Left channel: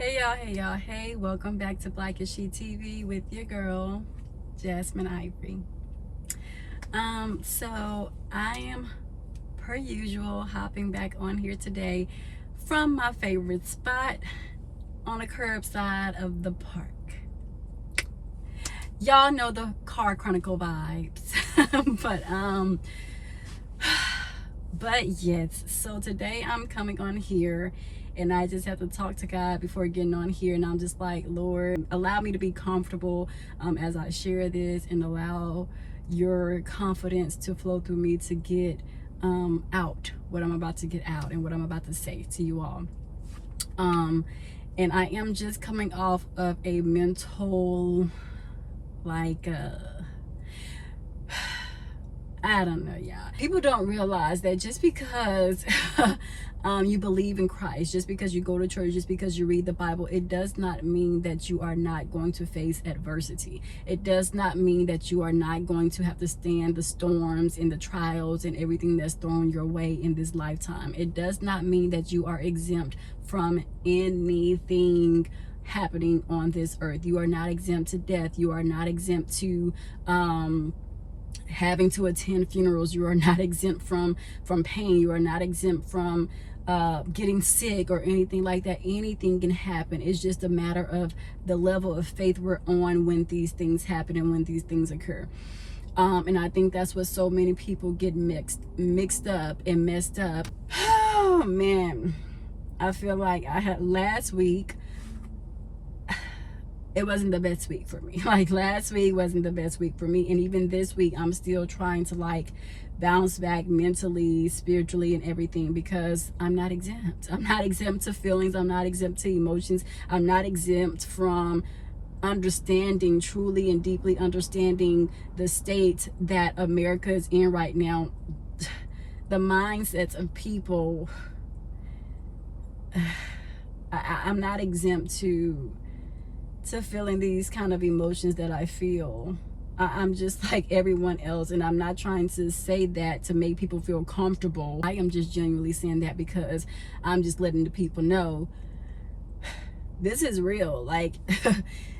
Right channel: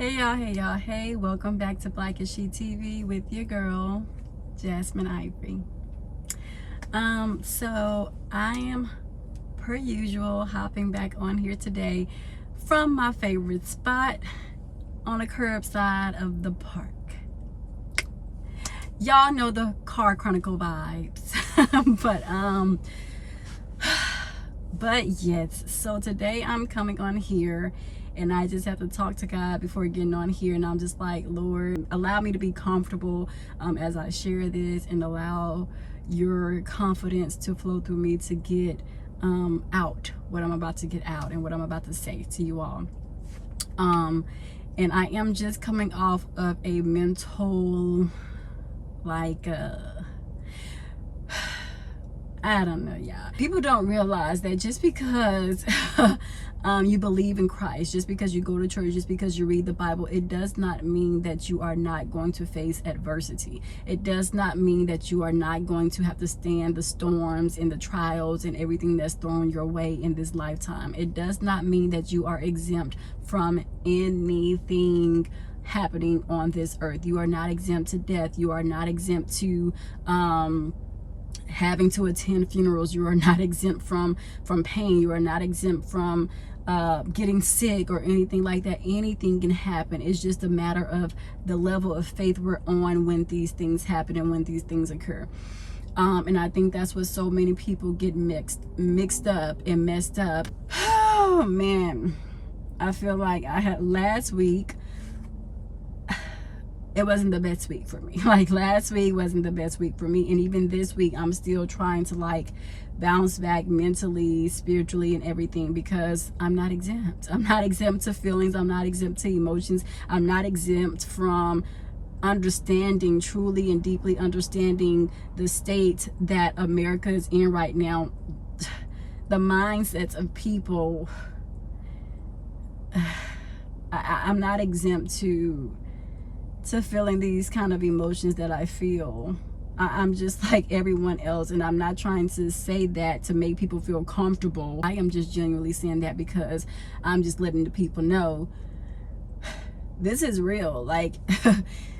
Hey, welcome back to Black as She TV with your girl, Jasmine Ivory. So I am, per usual, hopping back on here today from my favorite spot on a curbside of the park. Y'all know the car chronicle vibes. but yes, so today I'm coming on here and I just have to talk to God before getting on here, and I'm just like, Lord, allow me to be comfortable as I share this, and allow your confidence to flow through me to get out what I'm about to get out and what I'm about to say to you all. And I am just coming off of a mental, like, I don't know, y'all. People don't realize that just because you believe in Christ, just because you go to church, just because you read the Bible, it does not mean that you are not going to face adversity. It does not mean that you are not going to have to stand the storms and the trials and everything that's thrown your way in this lifetime. It does not mean that you are exempt from anything happening on this earth. You are not exempt to death. You are not exempt to having to attend funerals. You are not exempt from pain. You are not exempt from getting sick or anything like that. Anything can happen. It's just a matter of the level of faith we're on when these things happen and when these things occur. And I think that's what so many people get mixed up and messed up. Oh man, I feel like I had last week, it wasn't the best week for me. Like, last week wasn't the best week for me, and even this week I'm still trying to like bounce back mentally, spiritually, and everything, because I'm not exempt. I'm not exempt to feelings. I'm not exempt to emotions. I'm not exempt from understanding, truly and deeply understanding the state that America is in right now. The mindsets of people, I'm not exempt to feeling these kind of emotions that I feel. I'm just like everyone else, and I'm not trying to say that to make people feel comfortable. I am just genuinely saying that because I'm just letting the people know this is real. Like,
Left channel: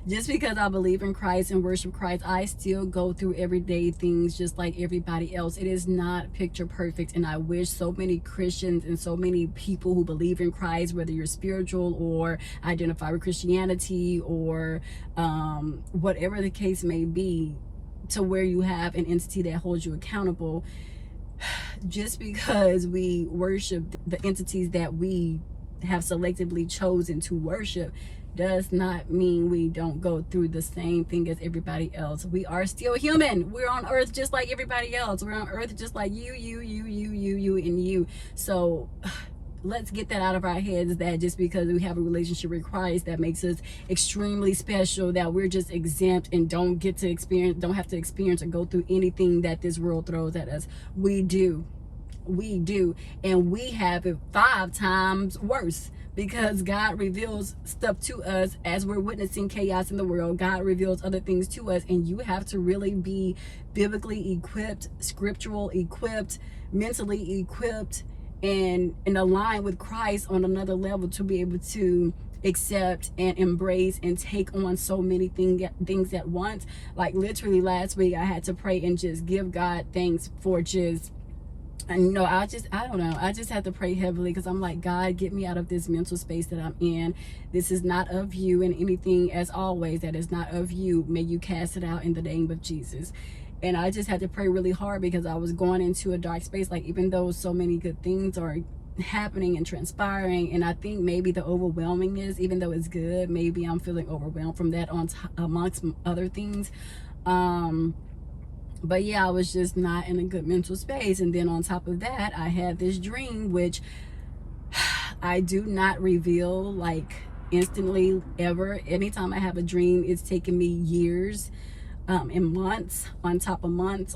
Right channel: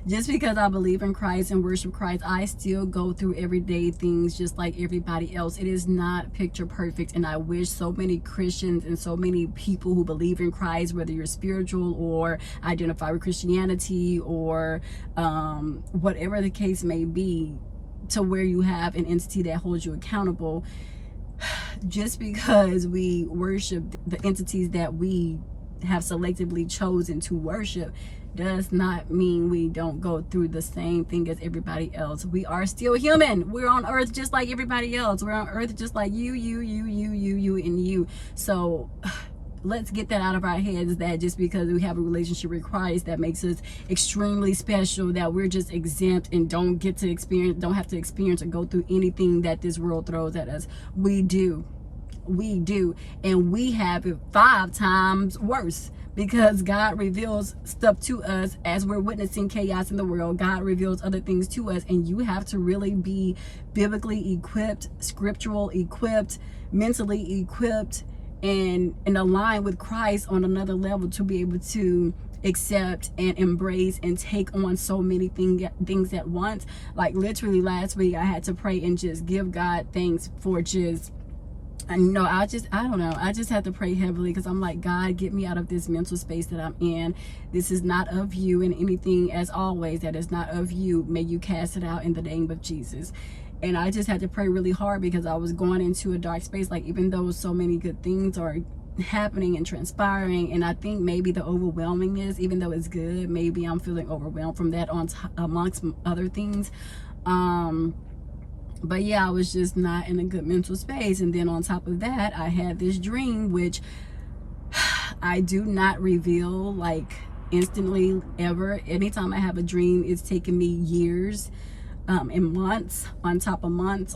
just because I believe in Christ and worship Christ, I still go through everyday things just like everybody else. It is not picture perfect, and I wish so many Christians and so many people who believe in Christ, whether you're spiritual or identify with Christianity or whatever the case may be, to where you have an entity that holds you accountable. Just because we worship the entities that we have selectively chosen to worship does not mean we don't go through the same thing as everybody else. We are still human. We're on earth just like everybody else. We're on earth just like you, and you. So let's get that out of our heads, that just because we have a relationship with Christ, that makes us extremely special, that we're just exempt and don't have to experience or go through anything that this world throws at us. We do, and we have it 5 times worse, because God reveals stuff to us as we're witnessing chaos in the world. God reveals other things to us, and you have to really be biblically equipped, scriptural equipped, mentally equipped, and align with Christ on another level to be able to accept and embrace and take on so many things at once. Like, literally last week I had to pray and just give God thanks for just, and you know, I don't know, I just had to pray heavily, because I'm like, God, get me out of this mental space that I'm in. This is not of you, and anything, as always, that is not of you, may you cast it out in the name of Jesus. And I just had to pray really hard, because I was going into a dark space. Like, even though so many good things are happening and transpiring, and I think maybe the overwhelmingness, even though it's good, maybe I'm feeling overwhelmed from that amongst other things. But yeah, I was just not in a good mental space. And then on top of that, I had this dream, which I do not reveal like instantly ever. Anytime I have a dream, it's taken me years and months on top of months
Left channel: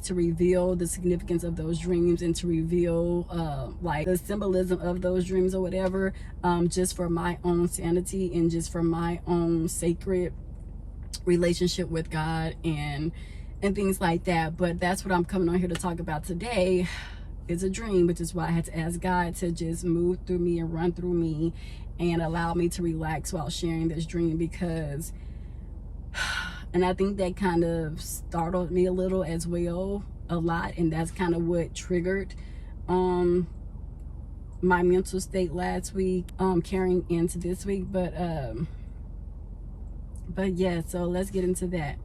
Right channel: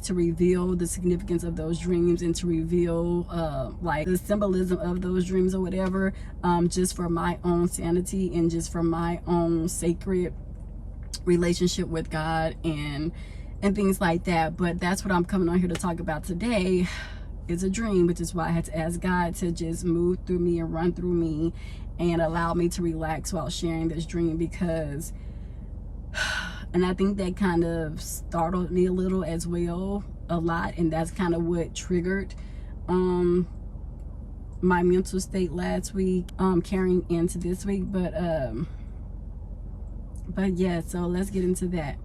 to reveal the significance of those dreams, and to reveal like the symbolism of those dreams or whatever, just for my own sanity and just for my own sacred relationship with God and things like that. But that's what I'm coming on here to talk about today, is a dream, which is why I had to ask God to just move through me and run through me and allowed me to relax while sharing this dream, because, and I think that kind of startled me a little as well, a lot, and that's kind of what triggered my mental state last week, carrying into this week. But yeah, so let's get into that.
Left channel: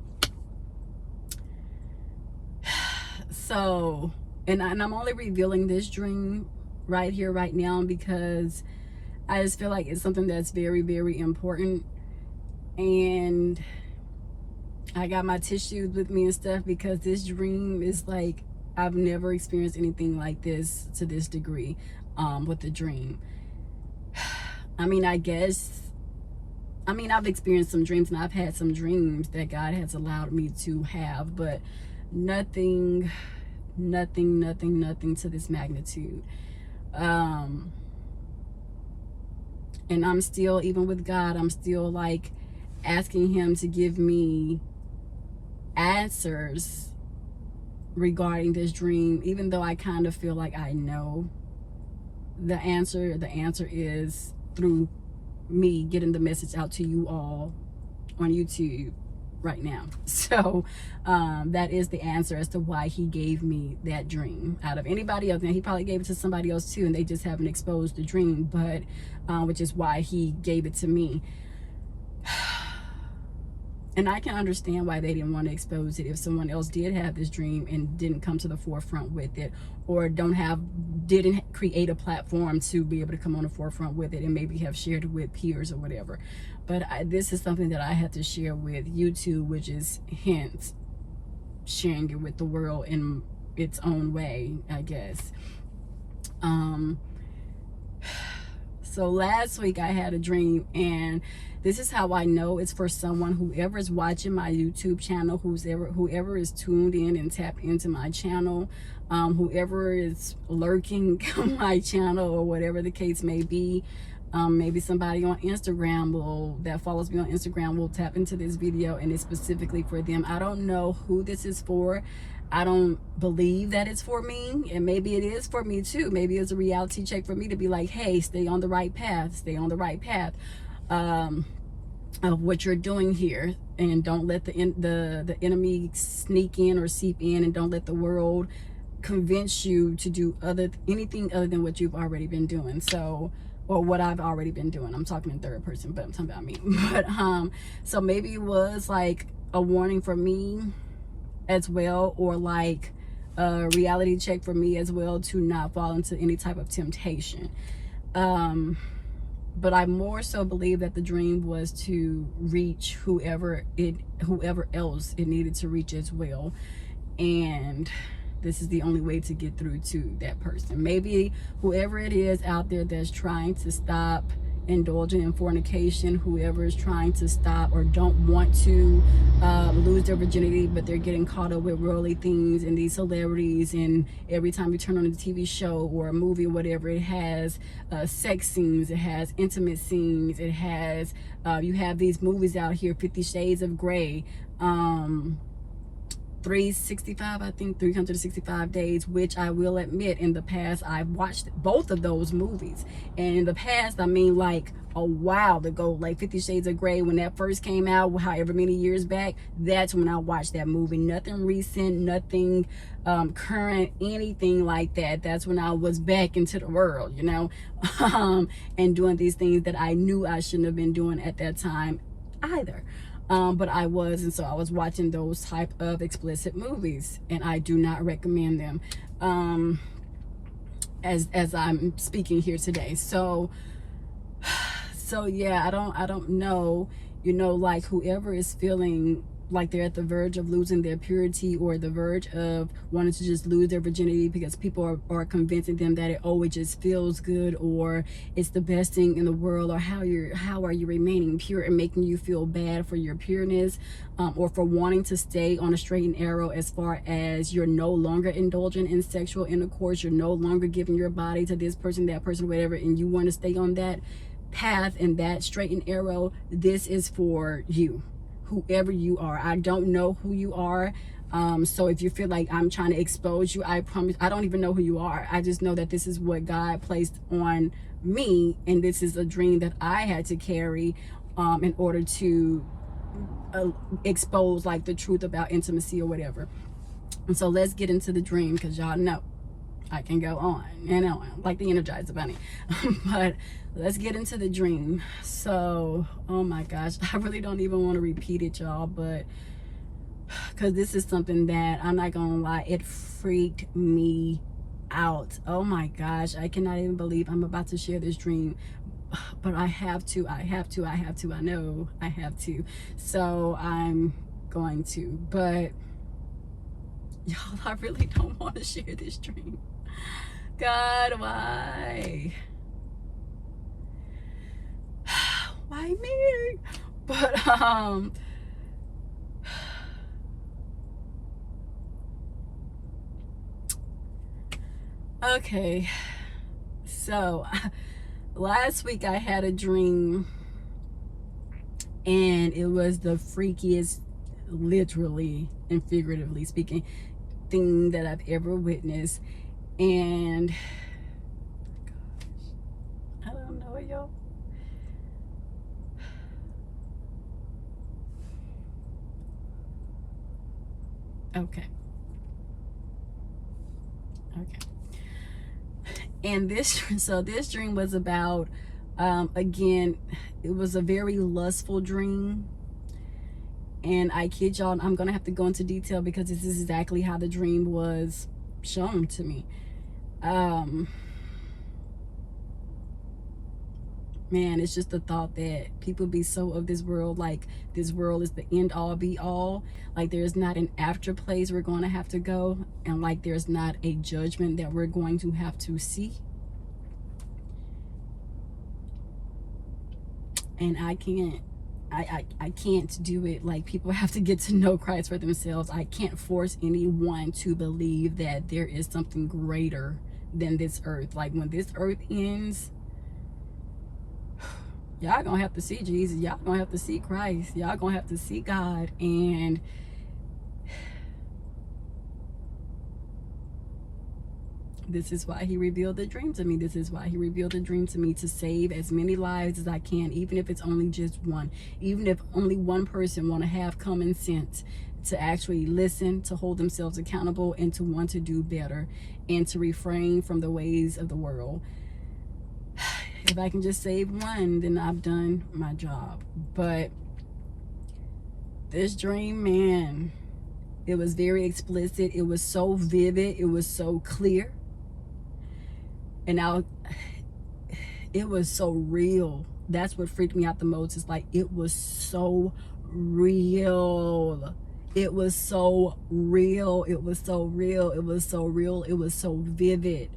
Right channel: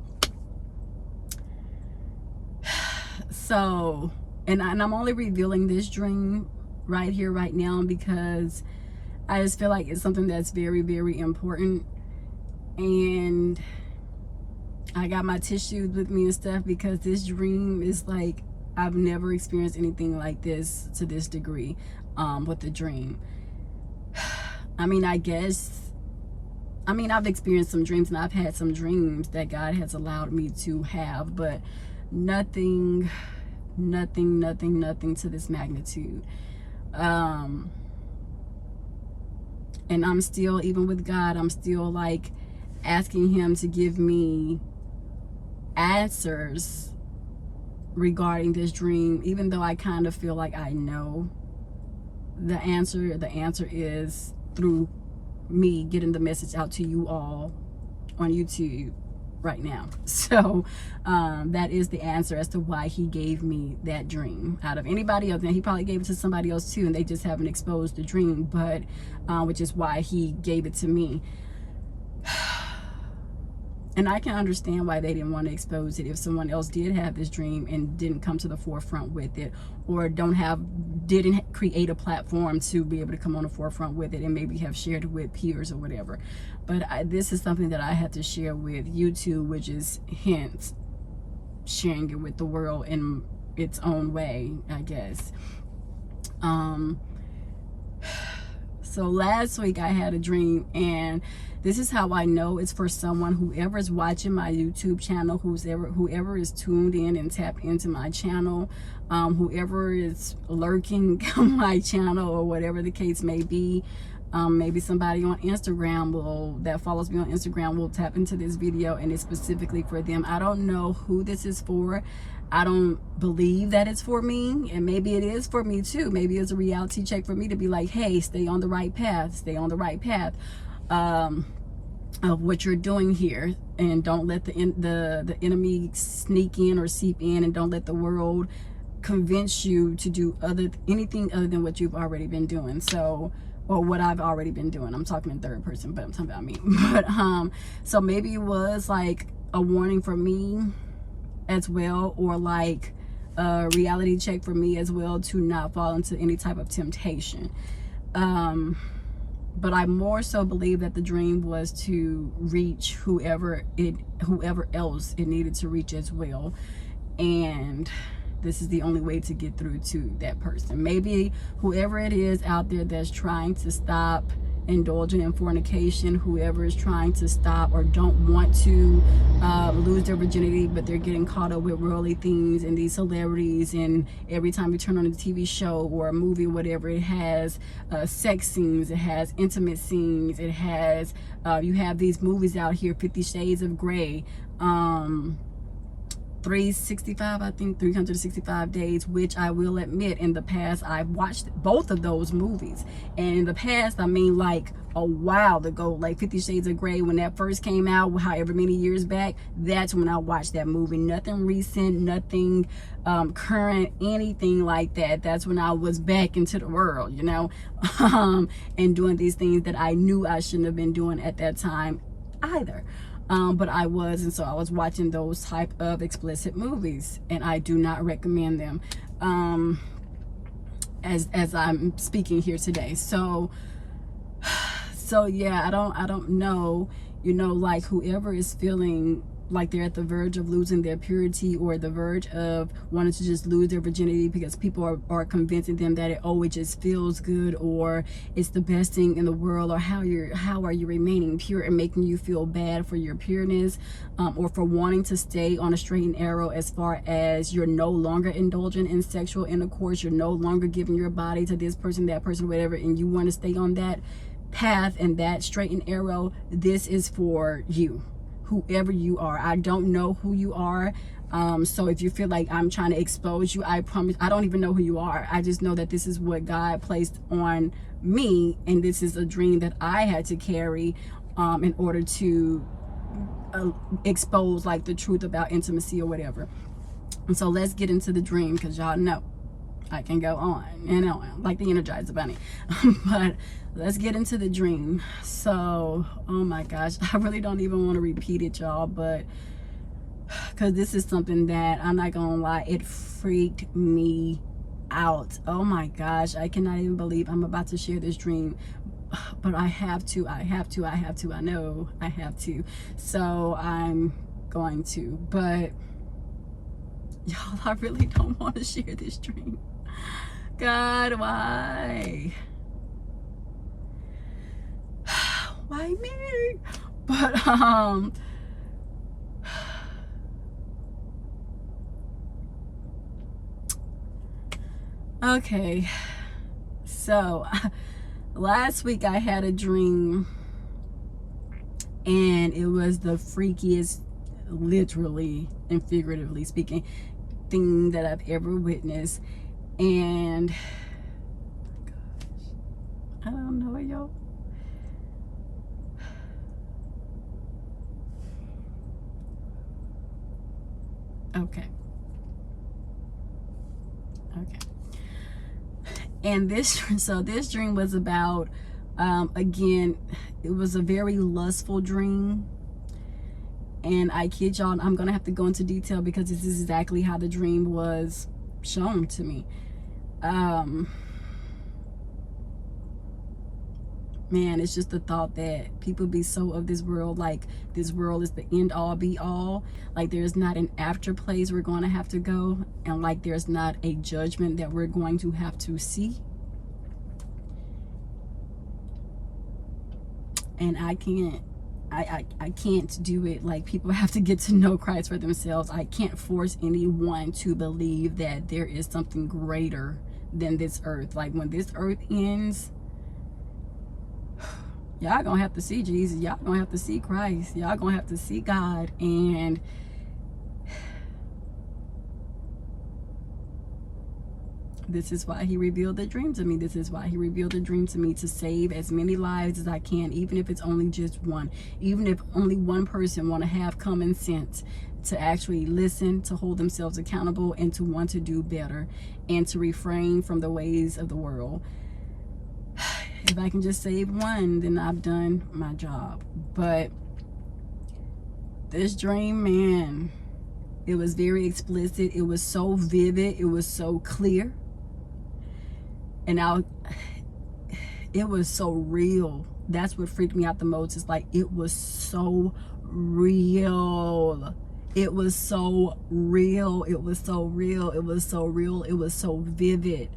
So, and I'm only revealing this dream right here, right now, because I just feel like it's something that's very, very important. And I got my tissues with me and stuff, because this dream is like, I've never experienced anything like this to this degree with the dream. I mean, I've experienced some dreams, and I've had some dreams that God has allowed me to have, but nothing to this magnitude. And I'm still, even with God, I'm still like asking him to give me answers regarding this dream, even though I kind of feel like I know the answer. The answer is through me getting the message out to you all on YouTube right now. So that is the answer as to why he gave me that dream out of anybody else. Now, he probably gave it to somebody else too, and they just haven't exposed the dream, but which is why he gave it to me. And I can understand why they didn't want to expose it if someone else did have this dream and didn't come to the forefront with it, or didn't create a platform to be able to come on the forefront with it and maybe have shared it with peers or whatever. But this is something that I had to share with YouTube, which is hence sharing it with the world in its own way, I guess. So last week I had a dream, and this is how I know it's for someone, whoever is watching my YouTube channel, whoever is tuned in and tapped into my channel, whoever is lurking on my channel, or whatever the case may be. Maybe somebody on Instagram that follows me on Instagram will tap into this video, and it's specifically for them. I don't know who this is for. I don't believe that it's for me, and maybe it is for me too. Maybe it's a reality check for me to be like, hey, stay on the right path, stay on the right path of what you're doing here, and don't let the enemy sneak in or seep in, and don't let the world convince you to do anything other than what you've already been doing. So, or what I've already been doing. I'm talking in third person, but I'm talking about me. But so maybe it was like a warning for me as well, or like a reality check for me as well, to not fall into any type of temptation. But I more so believe that the dream was to reach whoever else it needed to reach as well. And this is the only way to get through to that person. Maybe whoever it is out there that's trying to stop indulging in fornication, whoever is trying to stop or don't want to lose their virginity, but they're getting caught up with worldly things and these celebrities, and every time you turn on a TV show or a movie or whatever, it has sex scenes, it has intimate scenes, it has you have these movies out here, 50 Shades of Grey, 365 days, which I will admit, in the past I've watched both of those movies. And in the past, I mean like a while ago, like 50 Shades of Grey, when that first came out, however many years back, that's when I watched that movie. Nothing recent, nothing current, anything like that. That's when I was back into the world, you know, and doing these things that I knew I shouldn't have been doing at that time either. But I was, and so I was watching those type of explicit movies, and I do not recommend them as I'm speaking here today. So yeah, I don't know, you know, like whoever is feeling like they're at the verge of losing their purity, or the verge of wanting to just lose their virginity because people are convincing them that it just feels good, or it's the best thing in the world, or how are you remaining pure, and making you feel bad for your pureness, or for wanting to stay on a straight and narrow, as far as you're no longer indulging in sexual intercourse, you're no longer giving your body to this person, that person, whatever, and you want to stay on that path and that straight and narrow. This is for you, whoever you are. I don't know who you are. So if you feel like I'm trying to expose you, I promise I don't even know who you are. I just know that this is what God placed on me, and this is a dream that I had to carry in order to expose like the truth about intimacy or whatever. And so let's get into the dream, because y'all know I can go on and on like the Energizer Bunny. But let's get into the dream. So, oh my gosh, I really don't even want to repeat it, y'all, but because this is something that, I'm not gonna lie, it freaked me out. Oh my gosh, I cannot even believe I'm about to share this dream, but I have to, I know I have to. So I'm going to, but y'all, I really don't want to share this dream. God, why? Why me? But okay, so last week I had a dream, and it was the freakiest, literally and figuratively speaking, thing that I've ever witnessed. And I don't know, y'all. Okay. And this dream was about, again, it was a very lustful dream. And I kid y'all, I'm gonna have to go into detail because this is exactly how the dream was shown to me. Man, it's just the thought that people be so of this world, like this world is the end all be all, like there's not an after place we're going to have to go, and like there's not a judgment that we're going to have to see. And I can't do it. Like, people have to get to know Christ for themselves. I can't force anyone to believe that there is something greater than this earth. Like, when this earth ends, y'all gonna have to see Jesus. Y'all gonna have to see Christ. Y'all gonna have to see God. And this is why he revealed the dream to me. This is why he revealed the dream to me, to save as many lives as I can, even if it's only just one. Even if only one person want to have common sense, to actually listen, to hold themselves accountable, and to want to do better, and to refrain from the ways of the world. If I can just save one, then I've done my job. But this dream, man, it was very explicit. It was so vivid. It was so clear. And it was so real. That's what freaked me out the most. It's like, it was so real. It was so real. It was so real. It was so real. It was so vivid.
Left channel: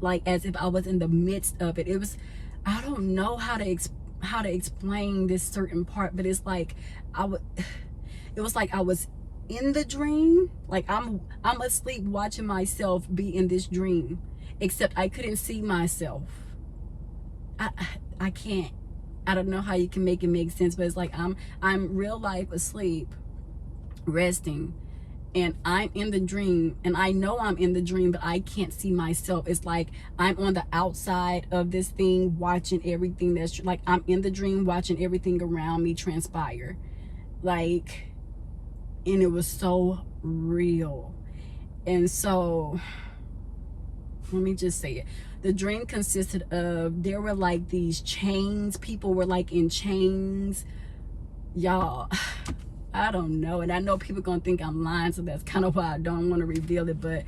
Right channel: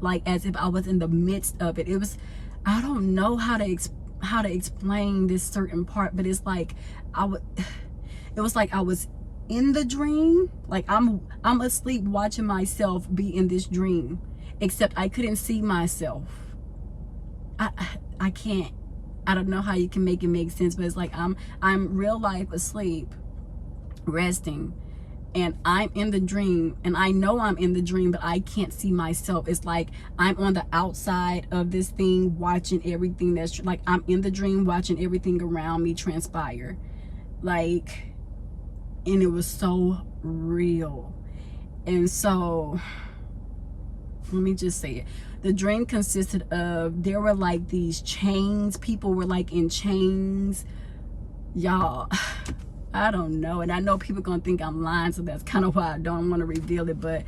Like, as if I was in the midst of it. It was, I don't know how to explain this certain part, but it's like it was like I was in the dream. Like, I'm asleep watching myself be in this dream, except I couldn't see myself. I can't. I don't know how you can make it make sense, but it's like I'm real life asleep, resting, and I'm in the dream, and I know I'm in the dream, but I can't see myself. It's like I'm on the outside of this thing, watching everything that's like, I'm in the dream, watching everything around me transpire. Like, and it was so real. And so, let me just say it. The dream consisted of, there were like these chains. People were like in chains. Y'all, I don't know. And I know people gonna think I'm lying, so that's kind of why I don't want to reveal it. But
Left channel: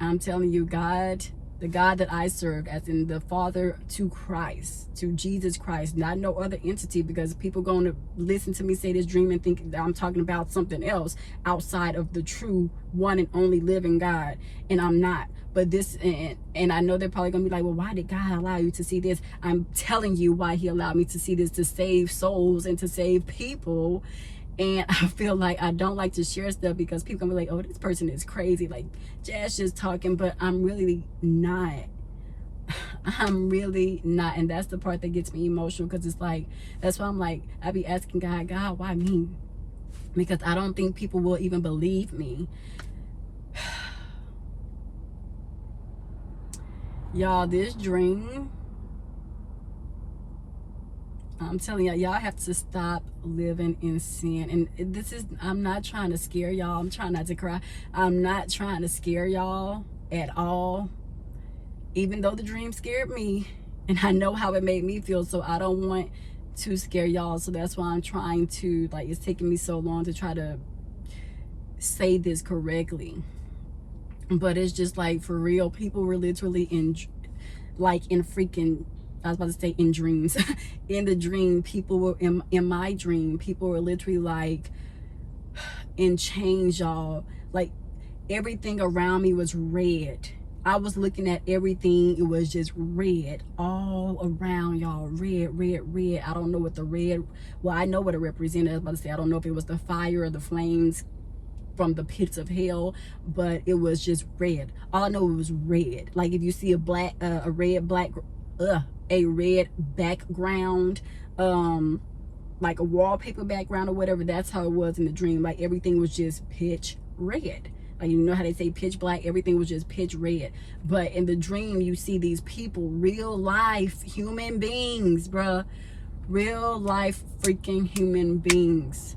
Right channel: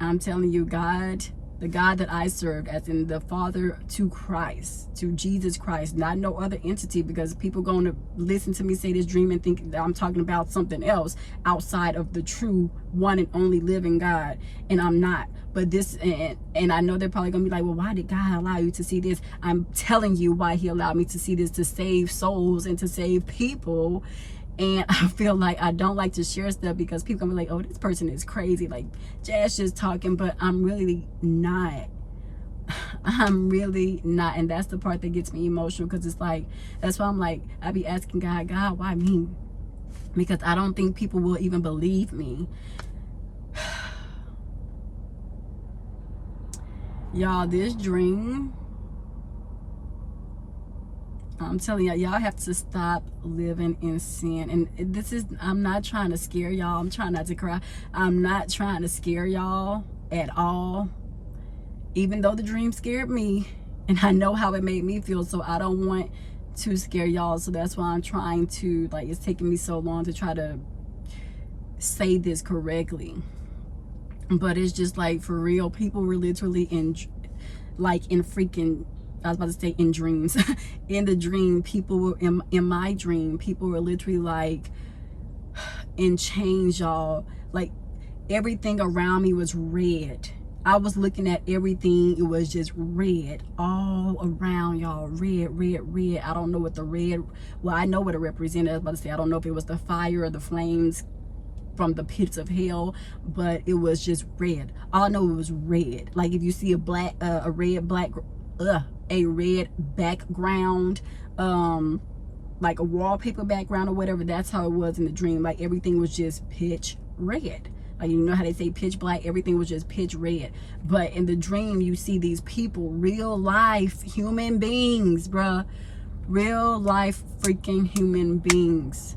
I'm telling you, God, the God that I served, as in the Father to Christ, to Jesus Christ, not no other entity, because people going to listen to me say this dream and think that I'm talking about something else outside of the true one and only living God, and I'm not. But this, and I know they're probably gonna be like, well, why did God allow you to see this? I'm telling you why he allowed me to see this, to save souls and to save people. And I feel like I don't like to share stuff because people gonna be like, oh, this person is crazy, like Jazz just talking. But I'm really not. I'm really not. And that's the part that gets me emotional, because it's like, that's why I'm like, I be asking God, why me? because I don't think people will even believe me. Y'all, this dream, I'm telling y'all, y'all have to stop living in sin. And this is, I'm not trying to scare y'all. I'm trying not to cry. I'm not trying to scare y'all at all. Even though the dream scared me, and I know how it made me feel, so I don't want to scare y'all. So that's why I'm trying to, like, it's taking me so long to try to say this correctly. But it's just like, for real, people were literally in, like, in freaking, I was about to say in dreams. In the dream, people were, in my dream, people were literally like in chains, y'all. Like, everything around me was red. I was looking at everything, it was just red all around, y'all. Red, red, red. I don't know what the red, well, I know what it represented. I was about to say, I don't know if it was the fire or the flames from the pits of hell, but it was just red. All I know, it was red. Like, if you see a black, a red background, like a wallpaper background or whatever, that's how it was in the dream. Like, everything was just pitch red. Like, you know how they say pitch black? Everything was just pitch red. But in the dream, you see these people, real life human beings, bruh. Real life freaking human beings.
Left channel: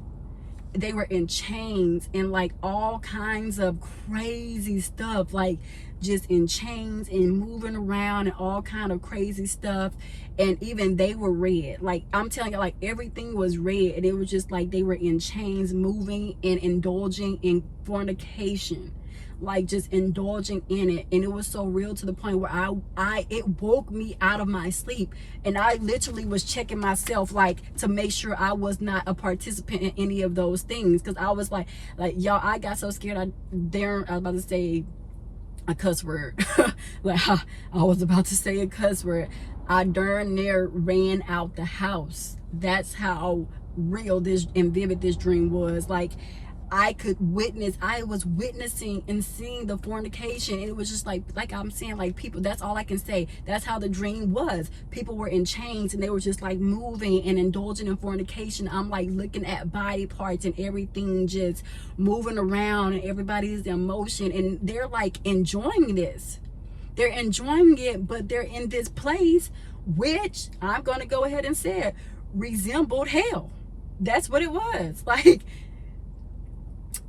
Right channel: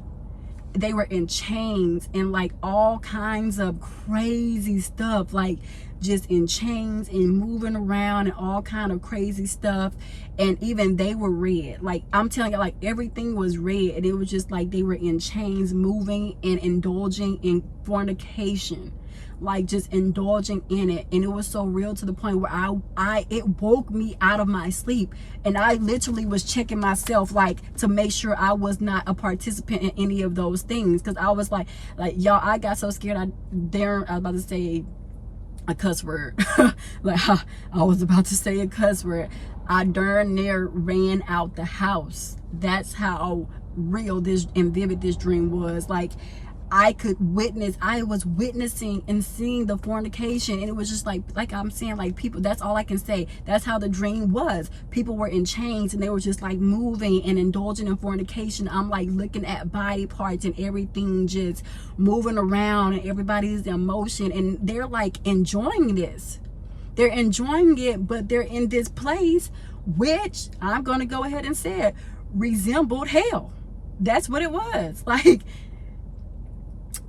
They were in chains and like all kinds of crazy stuff, like just in chains and moving around and all kind of crazy stuff. And even they were red. Like, I'm telling you, like, everything was red, and it was just like they were in chains, moving and indulging in fornication, like just indulging in it. And it was so real to the point where it woke me out of my sleep, and I literally was checking myself, like, to make sure I was not a participant in any of those things, because I was like y'all, I got so scared. I was about to say a cuss word. Like, I was about to say a cuss word. I darn near ran out the house. That's how real this and vivid this dream was. Like, I was witnessing and seeing the fornication, and it was just like I'm saying, like, people, that's all I can say. That's how the dream was. People were in chains, and they were just like moving and indulging in fornication. I'm like looking at body parts and everything just moving around, and everybody's in motion, and they're like enjoying this. They're enjoying it, but they're in this place, which I'm gonna go ahead and say it, resembled hell. That's what it was. Like,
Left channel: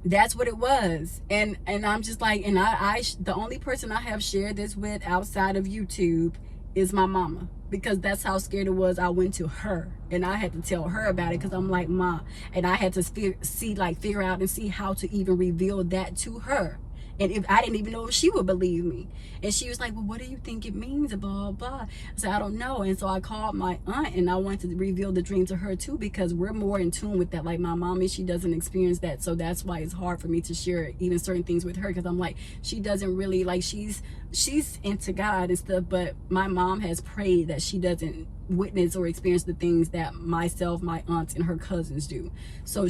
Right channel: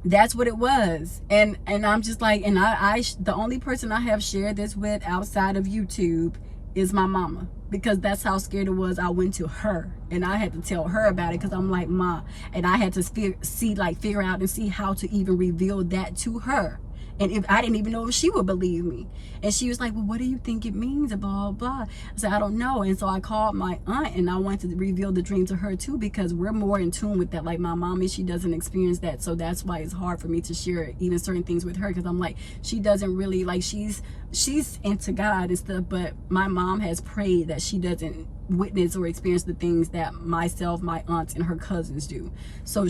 that's what it was. And I'm just like, and I the only person I have shared this with outside of YouTube is my mama, because that's how scared it was. I went to her and I had to tell her about it, because I'm like, Ma, and I had to figure out and see how to even reveal that to her. And if I didn't even know if she would believe me. And she was like, well, what do you think it means? Blah, blah. I said, I don't know. And so I called my aunt, and I wanted to reveal the dream to her too, because we're more in tune with that. Like, my mommy, she doesn't experience that. So that's why it's hard for me to share even certain things with her, because I'm like, she doesn't really, like, she's into God and stuff, but my mom has prayed that she doesn't witness or experience the things that myself, my aunts, and her cousins do. So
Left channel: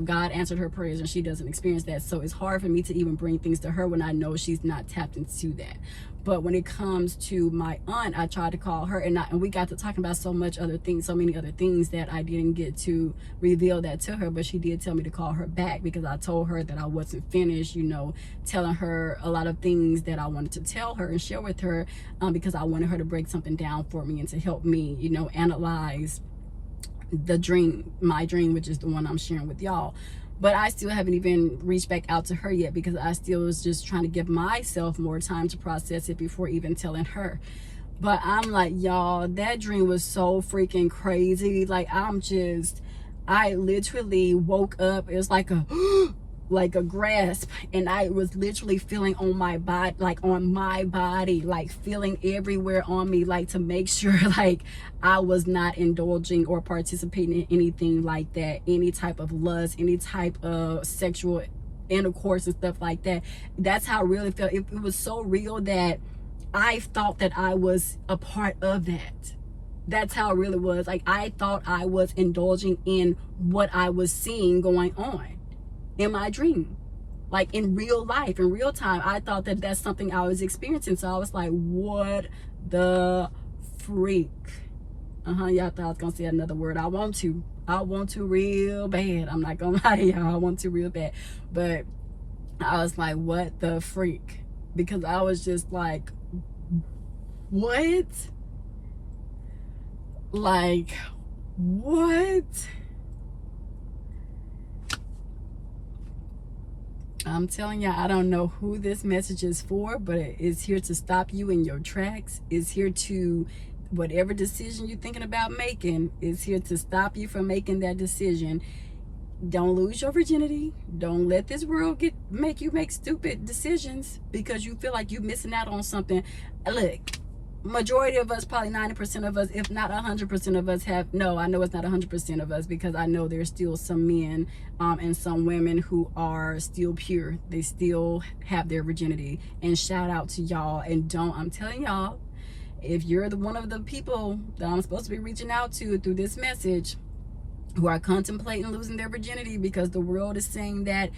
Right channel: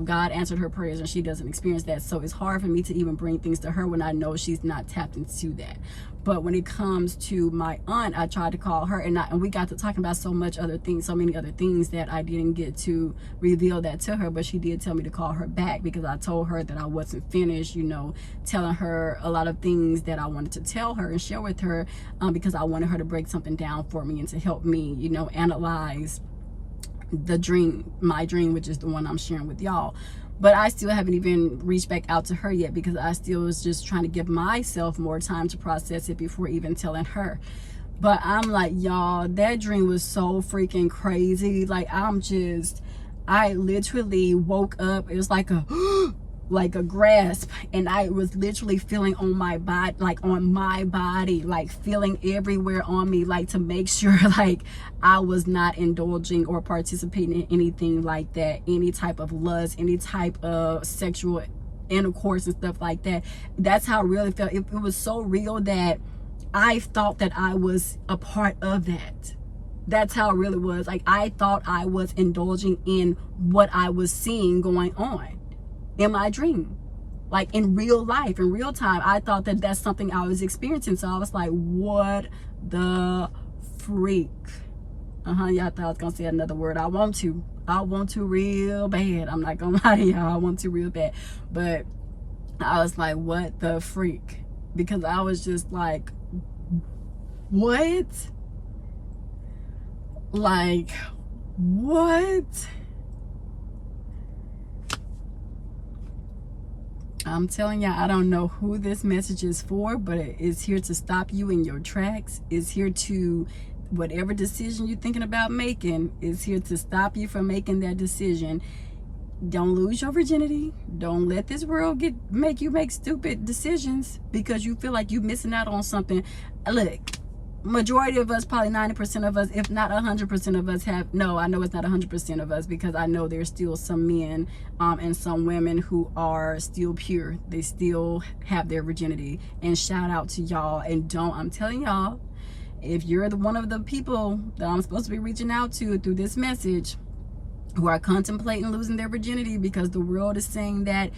God answered her prayers, and she doesn't experience that. So it's hard for me to even bring things to her when I know she's not tapped into that. But when it comes to my aunt, I tried to call her, and we got to talking about so many other things that I didn't get to reveal that to her. But she did tell me to call her back, because I told her that I wasn't finished, telling her a lot of things that I wanted to tell her and share with her, because I wanted her to break something down for me and to help me, analyze the dream, my dream, which is the one I'm sharing with y'all. But I still haven't even reached back out to her yet, because I still was just trying to give myself more time to process it before even telling her. But I'm like, y'all, that dream was so freaking crazy. Like, I literally woke up. It was like a grasp, and I was literally feeling on my body, like feeling everywhere on me, like to make sure like I was not indulging or participating in anything like that, any type of lust, any type of sexual intercourse and stuff like that. That's how real it felt. It was so real that I thought that I was a part of that. That's how real it was. Like, I thought I was indulging in what I was seeing going on in my dream, like in real life, in real time. I thought that that's something I was experiencing. So I was like, what the freak? Y'all thought I was gonna say another word. I want to real bad. I'm not gonna lie to y'all. I want to real bad. But I was like, what the freak? Because I was just like, what? Like, what? I'm telling y'all, I don't know who this message is for, but it's here to stop you in your tracks. It's here to, whatever decision you're thinking about making, is here to stop you from making that decision. Don't lose your virginity. Don't let this world make you make stupid decisions because you feel like you're missing out on something. Look, majority of us, probably 90% of us, if not 100% of us have, no, I know it's not 100% of us, because I know there's still some men and some women who are still pure. They still have their virginity, and shout out to y'all. And I'm telling y'all, if you're one of the people that I'm supposed to be reaching out to through this message, who are contemplating losing their virginity because the world is saying that,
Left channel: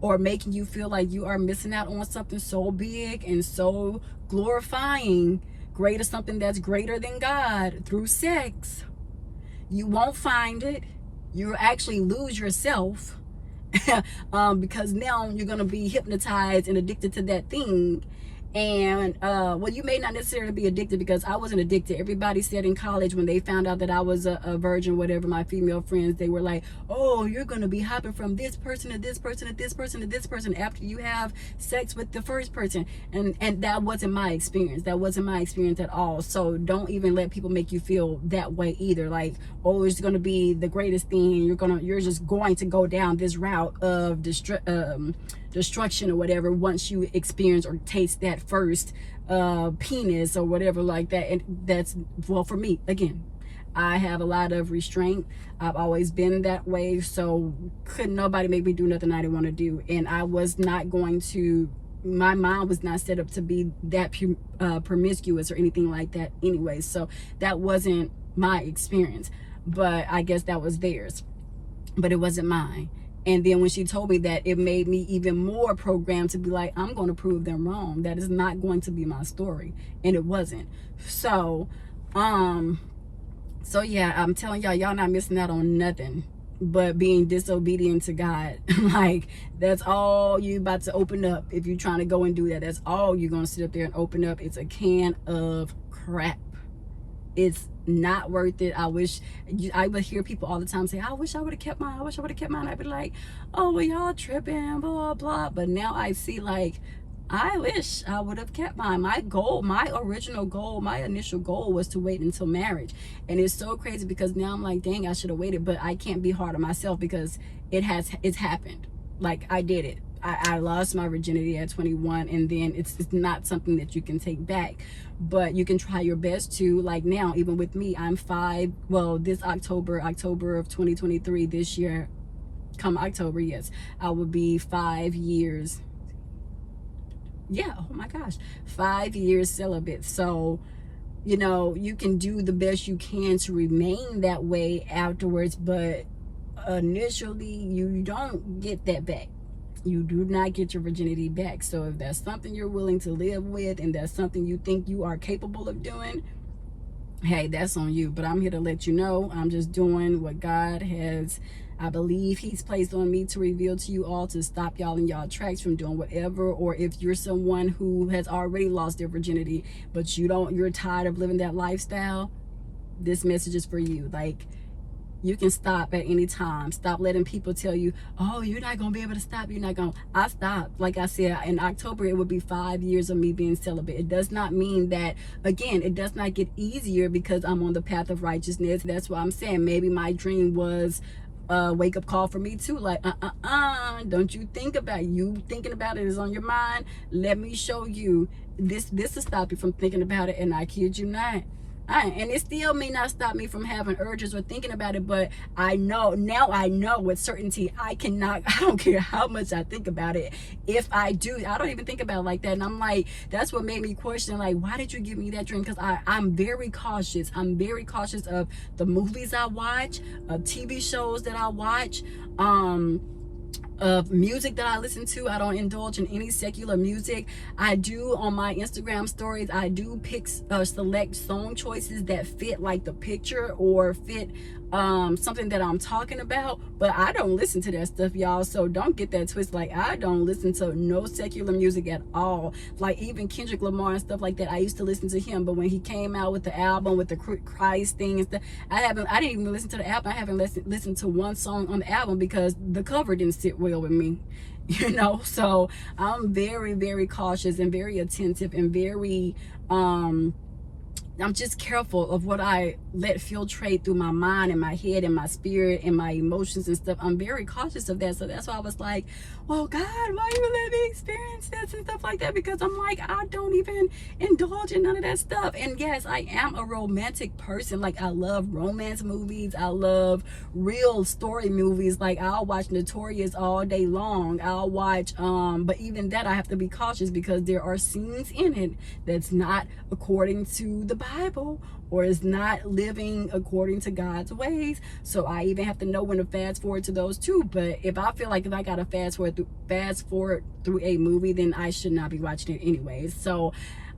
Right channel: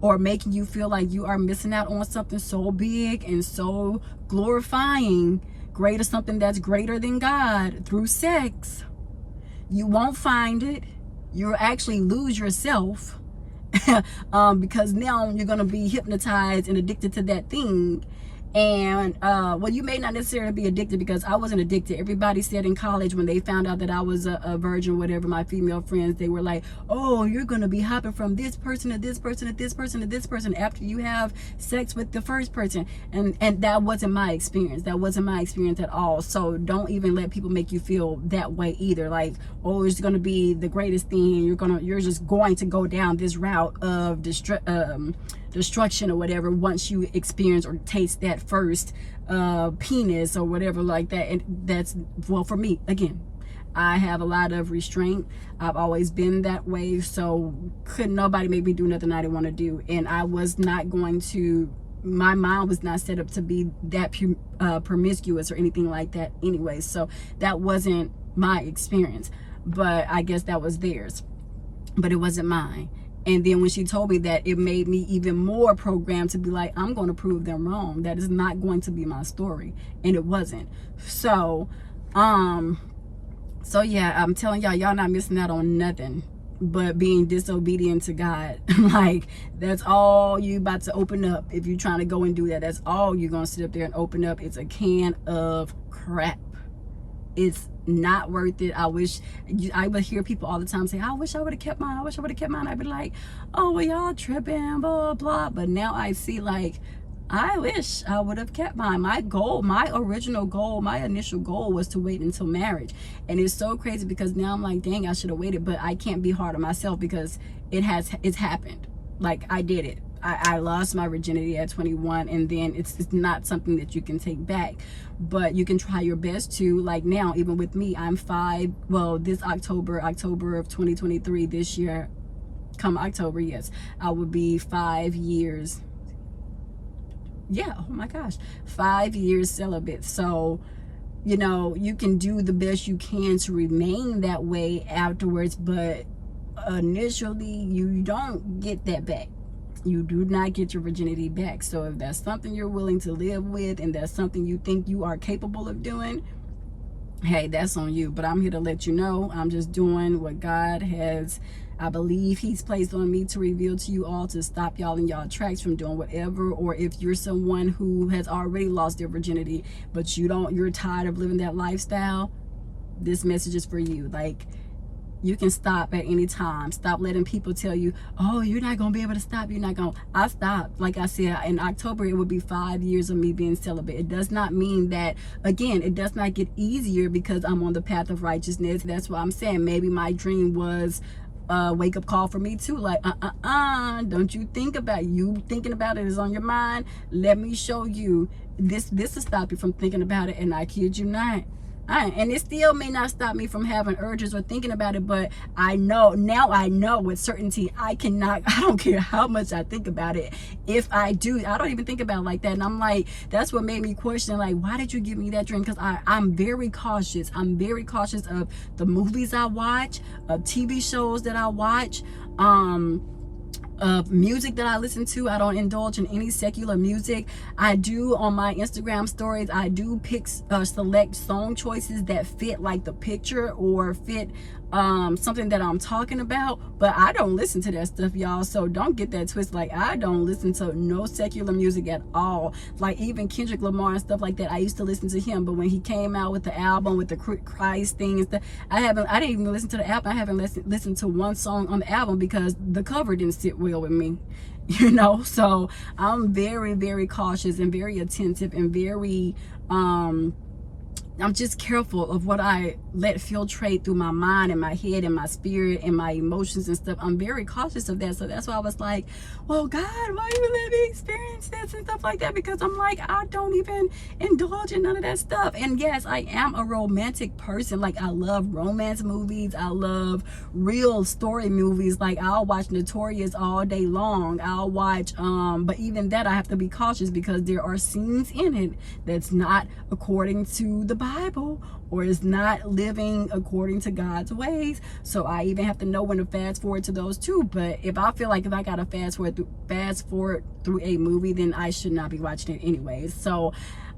or making you feel like you are missing out on something so big and so glorifying, greater, something that's greater than God through sex, you won't find it. You'll actually lose yourself because now you're going to be hypnotized and addicted to that thing. And well, you may not necessarily be addicted, because I wasn't addicted. Everybody said in college, when they found out that I was a virgin, whatever, my female friends, they were like, oh, you're going to be hopping from this person to this person to this person to this person after you have sex with the first person. And that wasn't my experience. That wasn't my experience at all. So don't even let people make you feel that way either. Like, oh, it's going to be the greatest thing. You're just going to go down this route of destruction or whatever once you experience or taste that first penis or whatever like that. And that's, well, for me, again, I have a lot of restraint. I've always been that way, so couldn't nobody make me do nothing I didn't want to do. And I was not going to, my mind was not set up to be that promiscuous or anything like that anyway. So that wasn't my experience, but I guess that was theirs, but it wasn't mine. And then when she told me that, it made me even more programmed to be like, I'm going to prove them wrong. That is not going to be my story. And it wasn't. So yeah, I'm telling y'all not missing out on nothing but being disobedient to God. Like, that's all you about to open up. If you're trying to go and do that, that's all you're going to sit up there and open up. It's a can of crap. It's not worth it. I would hear people all the time say, I wish I would have kept mine. I wish I would have kept mine. I'd be like, oh, well, y'all tripping, blah, blah. But now I see, like, I wish I would have kept mine. My goal, my original goal, my initial goal was to wait until marriage. And it's so crazy because now I'm like, dang, I should have waited. But I can't be hard on myself because it's happened. Like, I did it. I lost my virginity at 21, and then it's not something that you can take back, but you can try your best to, like, now, even with me, I'm this October of 2023, this year, come October, yes, I will be 5 years. Yeah, oh my gosh, 5 years celibate. So, you know, you can do the best you can to remain that way afterwards, but initially you don't get that back. You do not get your virginity back. So if that's something you're willing to live with, and that's something you think you are capable of doing, hey, that's on you. But I'm here to let you know, I'm just doing what God has, I believe he's placed on me to reveal to you all, to stop y'all in y'all tracks from doing whatever. Or if you're someone who has already lost their virginity, but you're tired of living that lifestyle, this message is for you. Like, you can stop at any time. Stop letting people tell you, oh, you're not going to be able to stop. You're not going to. I stopped. Like I said, in October, it would be 5 years of me being celibate. It does not mean that, again, it does not get easier because I'm on the path of righteousness. That's why I'm saying maybe my dream was a wake-up call for me too. Like, don't you think about it. You thinking about it is on your mind. Let me show you. This will stop you from thinking about it, and I kid you not. And it still may not stop me from having urges or thinking about it, but I know with certainty I don't care how much I think about it. If I do, I don't even think about it like that. And I'm like, that's what made me question, like, why did you give me that dream? Because I'm very cautious. I'm very cautious of the movies I watch, of TV shows that I watch, of music that I listen to. I don't indulge in any secular music. I do on my Instagram stories, I do pick select song choices that fit like the picture or fit something that I'm talking about, but I don't listen to that stuff, y'all, so don't get that twist. Like, I don't listen to no secular music at all. Like, even Kendrick Lamar and stuff like that, I used to listen to him, but when he came out with the album with the Christ thing and stuff, I didn't even listen to the album. I haven't listened to one song on the album because the cover didn't sit well with me. You know, so I'm very, very cautious and very attentive and very I'm just careful of what I let filtrate through my mind and my head and my spirit and my emotions and stuff. I'm very cautious of that. So that's why I was like, well, God, why you let me experience this and stuff like that? Because I'm like, I don't even indulge in none of that stuff. And yes, I am a romantic person. Like, I love romance movies. I love real story movies. Like, I'll watch Notorious all day long. I'll watch, but even that I have to be cautious because there are scenes in it that's not according to the Bible or is not living according to God's ways. So I even have to know when to fast forward to those too. But if I feel like if I gotta fast forward through a movie, then I should not be watching it anyways. So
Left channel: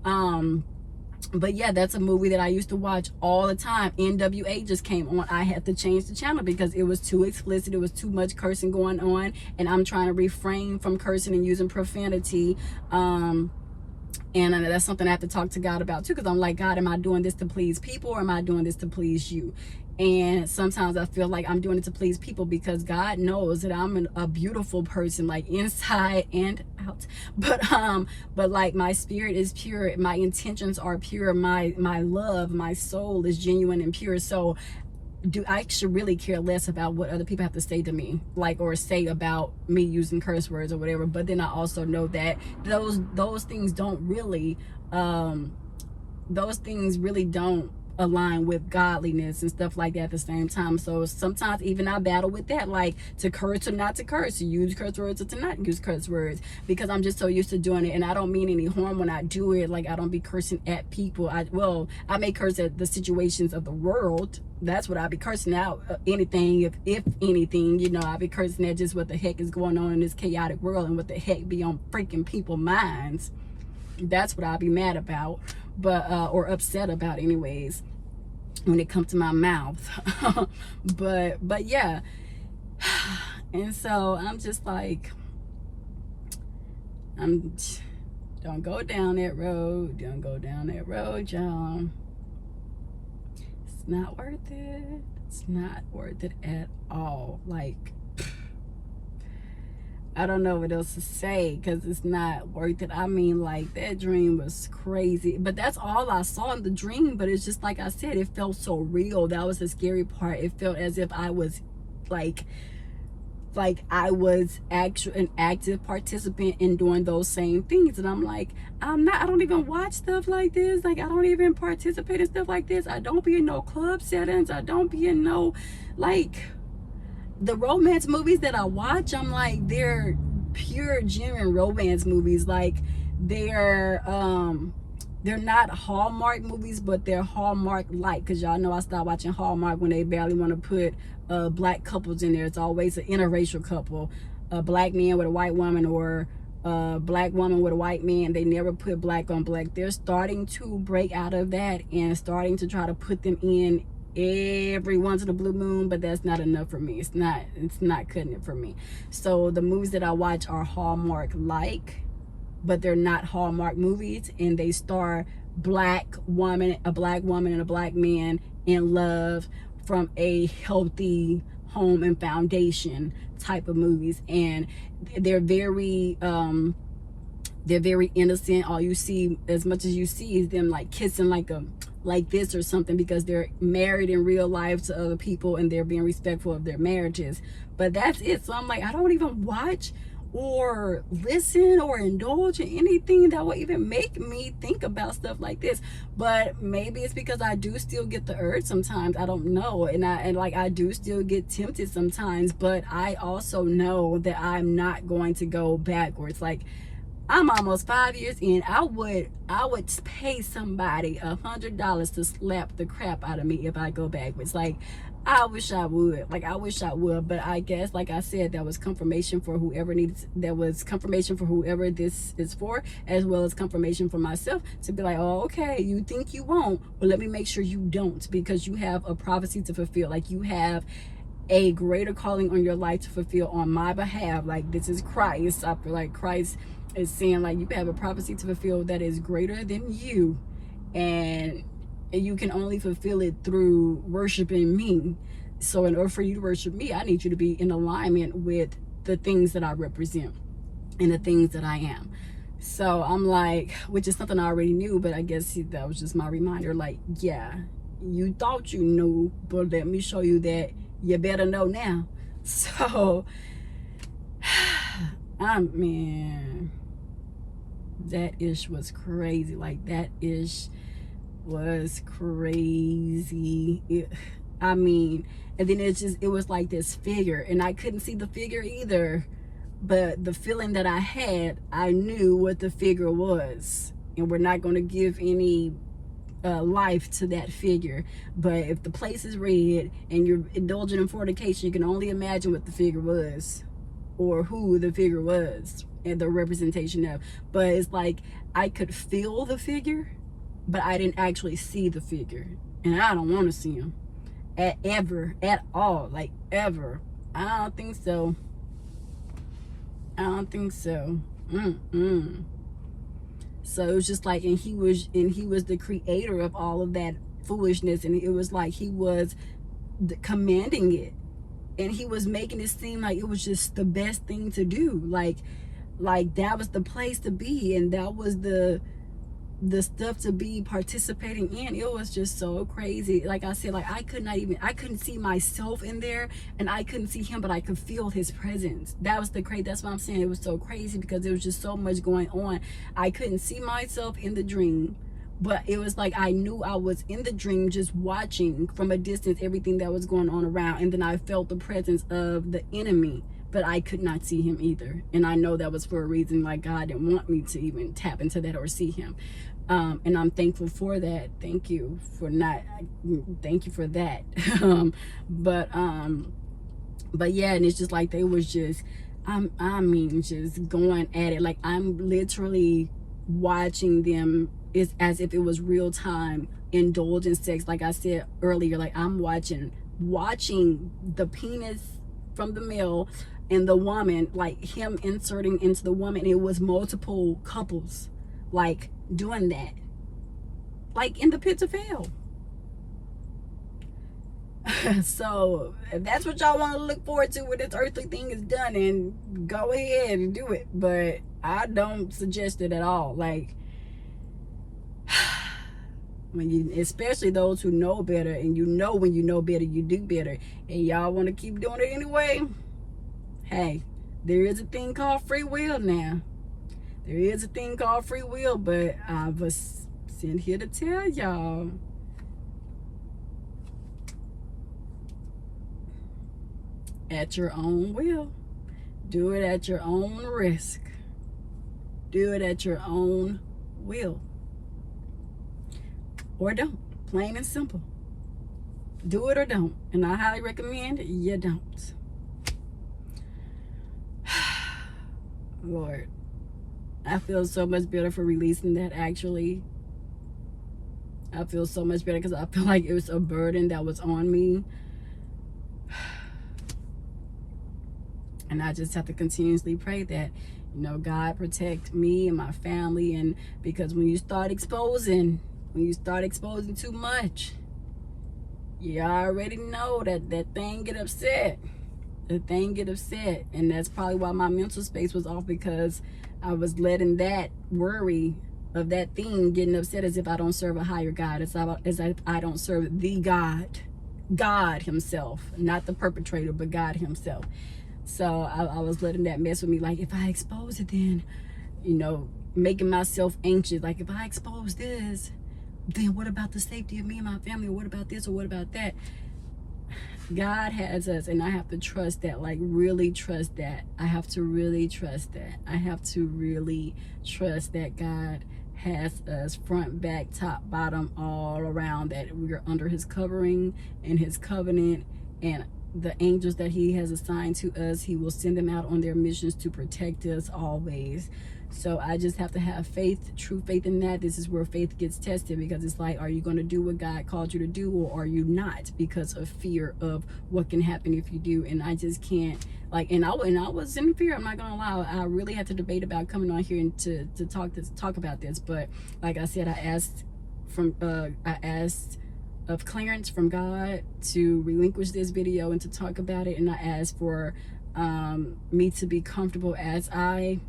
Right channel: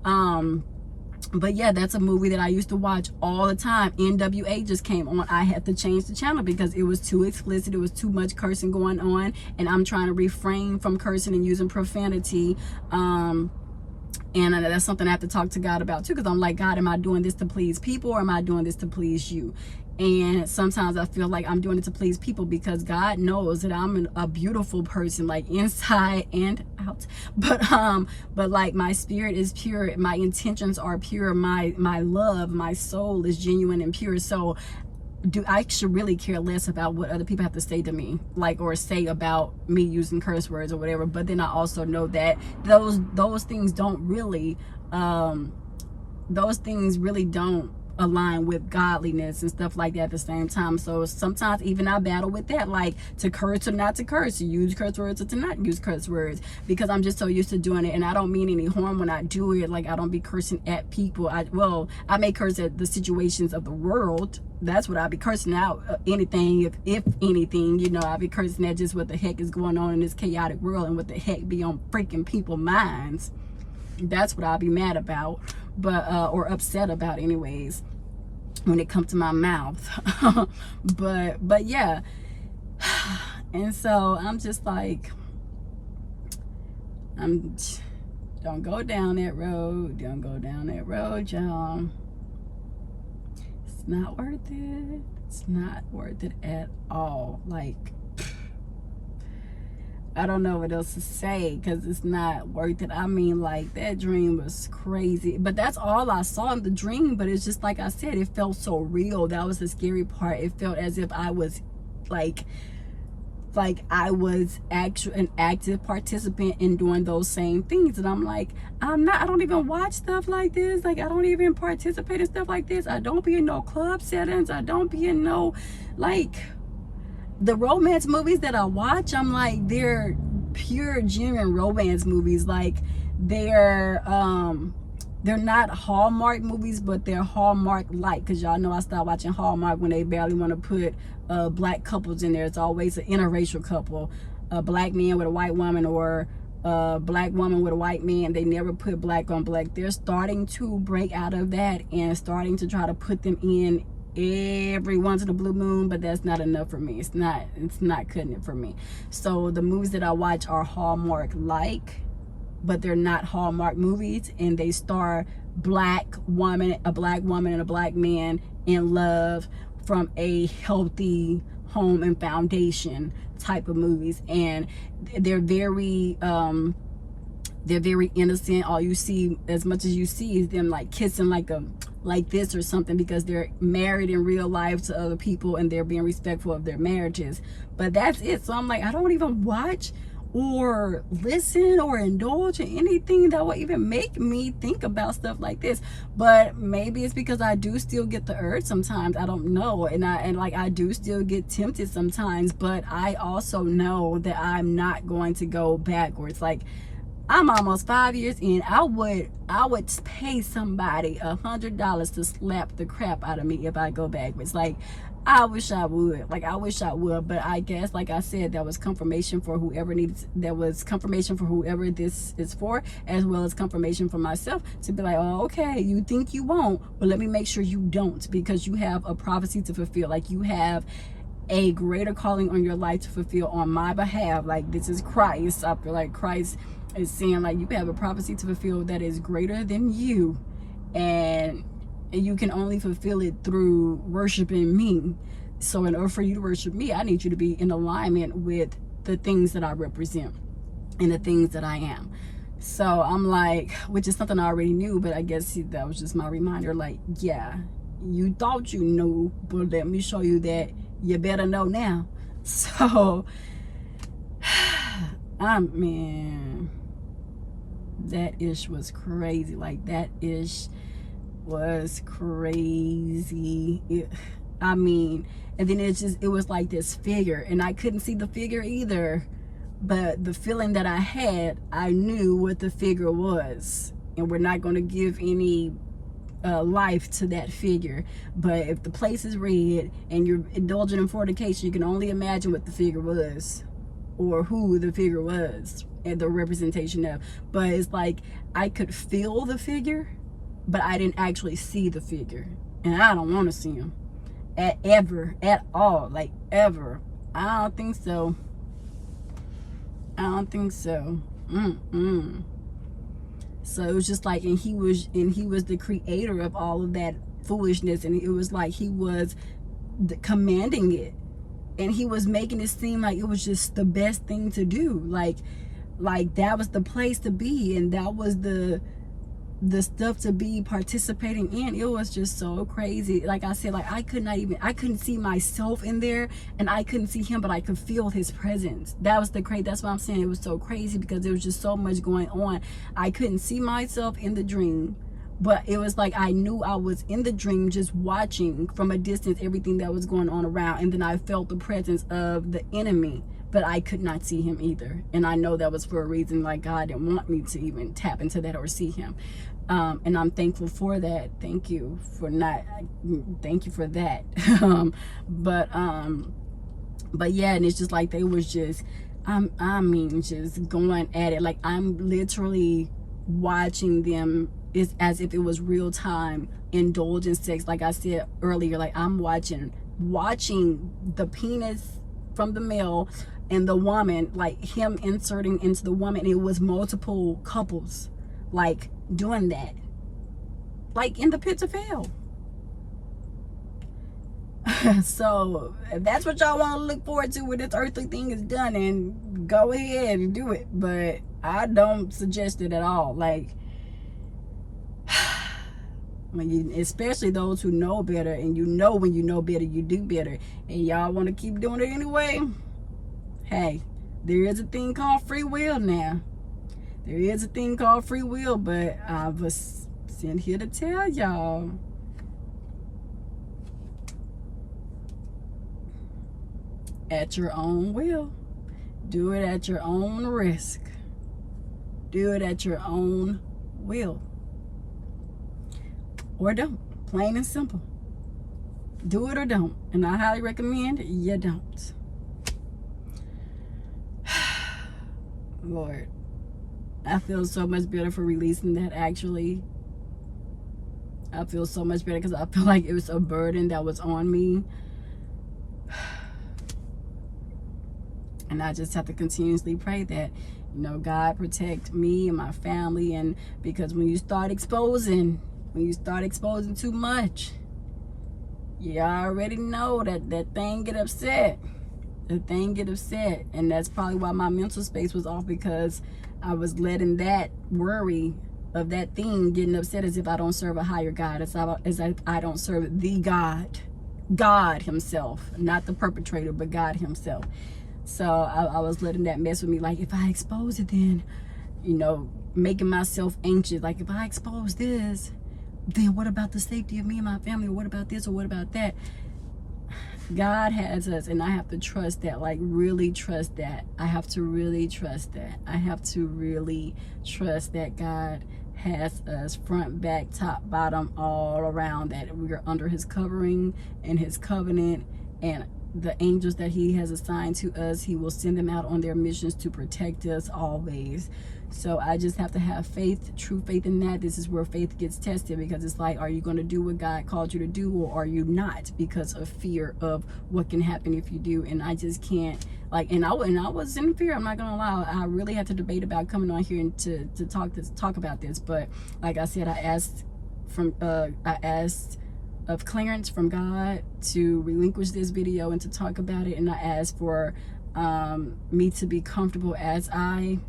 but yeah, that's a movie that I used to watch all the time. NWA just came on. I had to change the channel because it was too explicit. It was too much cursing going on, and I'm trying to refrain from cursing and using profanity. And that's something I have to talk to God about too, because I'm like, God, am I doing this to please people or am I doing this to please you? And sometimes I feel like I'm doing it to please people because God knows that I'm a beautiful person, like inside and out. But like, my spirit is pure, my intentions are pure, my love, my soul is genuine and pure. So I should really care less about what other people have to say to me, like, or say about me using curse words or whatever. But then I also know that those things don't really don't align with godliness and stuff like that at the same time. So sometimes even I battle with that, like, to curse or not to curse, to use curse words or to not use curse words, because I'm just so used to doing it. And I don't mean any harm when I do it. Like, I don't be cursing at people. I may curse at the situations of the world. That's what I be cursing out. Anything, if anything, you know, I be cursing at just what the heck is going on in this chaotic world and what the heck be on freaking people's minds. That's what I'll be mad about, but or upset about anyways, when it comes to my mouth. but yeah. And so I'm just like, don't go down that road. Don't go down that road, y'all. It's not worth it. It's not worth it at all. Like, I don't know what else to say because it's not worth it. I mean, like, that dream was crazy. But that's all I saw in the dream. But it's just like I said, it felt so real. That was the scary part. It felt as if I was like I was an active participant in doing those same things. And I'm like, I don't even watch stuff like this. Like, I don't even participate in stuff like this. I don't be in no club settings. I don't be in no, like, the romance movies that I watch, I'm like, they're pure, genuine romance movies. Like, they're not Hallmark movies, but they're Hallmark-like, because y'all know I stopped watching Hallmark when they barely want to put black couples in there. It's always an interracial couple, a black man with a white woman, or a black woman with a white man. They never put black on black. They're starting to break out of that and starting to try to put them in every once in a blue moon, but that's not enough for me. It's not cutting it for me. So the movies that I watch are Hallmark-like, but they're not Hallmark movies, and they star a black woman and a black man in love from a healthy home and foundation type of movies. And they're very innocent. All you see, as much as you see, is them like kissing like this or something, because they're married in real life to other people and they're being respectful of their marriages. But that's it. So I'm like, I don't even watch or listen or indulge in anything that will even make me think about stuff like this. But maybe it's because I do still get the urge sometimes. I don't know. And I do still get tempted sometimes, but I also know that I'm not going to go backwards. Like, I'm almost 5 years in. I would pay somebody $100 to slap the crap out of me if I go backwards. Like, I wish I would. Like, I wish I would. But I guess, like I said, that was confirmation for whoever needs. That was confirmation for whoever this is for, as well as confirmation for myself to be like, oh, okay, you think you won't, but let me make sure you don't, because you have a prophecy to fulfill. Like, you have a greater calling on your life to fulfill on my behalf. Like, this is Christ. I feel like Christ is saying, like, you have a prophecy to fulfill that is greater than you, and you can only fulfill it through worshiping me. So in order for you to worship me, I need you to be in alignment with the things that I represent and the things that I am. So I'm like, which is something I already knew, but I guess that was just my reminder. Like, yeah, you thought you knew, but let me show you that you better know now. So man, that ish was crazy. Like, that ish was crazy. I mean, and then it was like this figure, and I couldn't see the figure either, but the feeling that I had, I knew what the figure was. And we're not going to give any life to that figure, but if the place is red and you're indulging in fornication, you can only imagine what the figure was, or who the figure was, and the representation of. But it's like, I could feel the figure, but I didn't actually see the figure, and I don't want to see him at all, like, ever. I don't think so. I don't think so. So it was just like, and he was the creator of all of that foolishness, and it was like he was commanding it, and he was making it seem like it was just the best thing to do. Like that was the place to be, and that was the stuff to be participating in. It was just so crazy. Like I said, like, I couldn't see myself in there, and I couldn't see him, but I could feel his presence. That was the crazy. That's why I'm saying it was so crazy, because there was just so much going on. I couldn't see myself in the dream, but it was like I knew I was in the dream, just watching from a distance everything that was going on around, and then I felt the presence of the enemy, but I could not see him either. And I know that was for a reason. Like, God didn't want me to even tap into that or see him. And I'm thankful for that. Thank you for that. But yeah, and it's just like they was just, I mean, just going at it. Like, I'm literally watching them as if it was real time, indulge in sex. Like I said earlier, like, I'm watching the penis from the male and the woman, like him inserting into the woman. It was multiple couples, like, doing that, like in the pits of hell. So if that's what y'all want to look forward to when this earthly thing is done, and go ahead and do it, but I don't suggest it at all. Like, when you, especially those who know better, and you know, when you know better, you do better, and y'all want to keep doing it anyway, hey, there is a thing called free will now. There is a thing called free will, but I was sent here to tell y'all, at your own will. Do it at your own risk. Do it at your own will. Or don't. Plain and simple. Do it or don't. And I highly recommend you don't. Lord, I feel so much better for releasing that, actually. I feel so much better, because I feel like it was a burden that was on me. And I just have to continuously pray that, you know, God protect me and my family. And because when you start exposing too much, you already know that thing get upset. The thing get upset. And that's probably why my mental space was off, because I was letting that worry of that thing getting upset, as if I don't serve a higher God, as if I don't serve the God himself, not the perpetrator, but God himself. So I was letting that mess with me. Like, if I expose it, then, you know, making myself anxious. Like, if I expose this, then what about the safety of me and my family? What about this, or what about that? God has us, and I have to trust that, like really trust that. I have to really trust that. I have to really trust that God has us front, back, top, bottom, all around, that we are under his covering and his covenant, and the angels that he has assigned to us, he will send them out on their missions to protect us always. So I just have to have faith, true faith in that. This is where faith gets tested, because it's like, are you going to do what God called you to do, or are you not, because of fear of what can happen if you do. And I just can't, like, and I was in fear, I'm not gonna lie. I really had to debate about coming on here and to talk about this. But like I said, I asked of clearance from God to relinquish this video and to talk about it, and I asked for me to be comfortable as I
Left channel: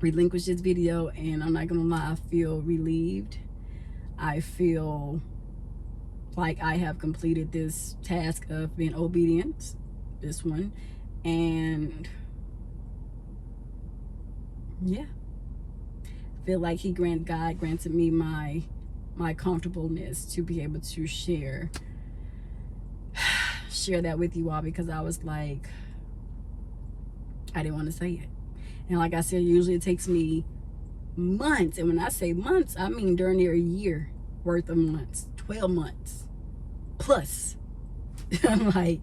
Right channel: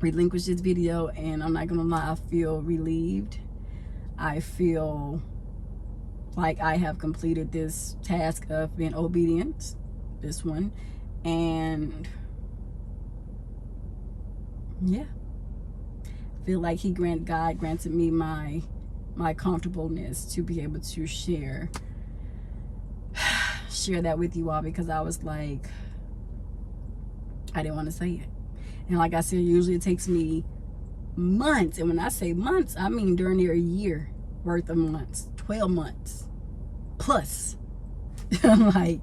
relinquish this video. And I'm not gonna lie, I feel relieved. I feel like I have completed this task of being obedient, this one. And yeah, I feel like God granted me my comfortableness to be able to share that with you all, because I was like, I didn't want to say it. And like I said, usually it takes me months, and when I say months, I mean darn near a year worth of months, 12 months plus like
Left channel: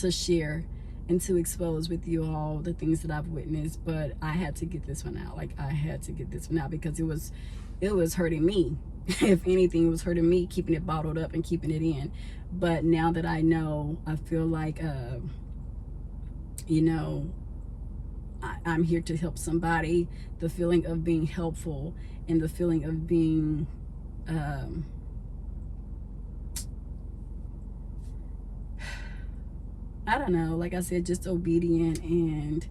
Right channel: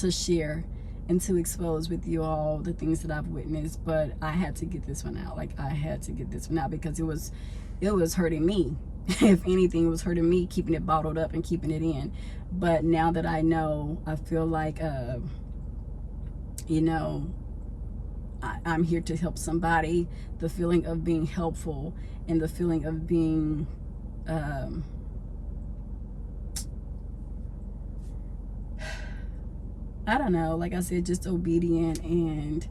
to share and to expose with you all the things that I've witnessed. But I had to get this one out. Like, I had to get this one out, because it was hurting me. If anything, it was hurting me, keeping it bottled up and keeping it in. But now that I know, I feel like you know, I'm here to help somebody. The feeling of being helpful, and the feeling of being I don't know, like I said, just obedient. And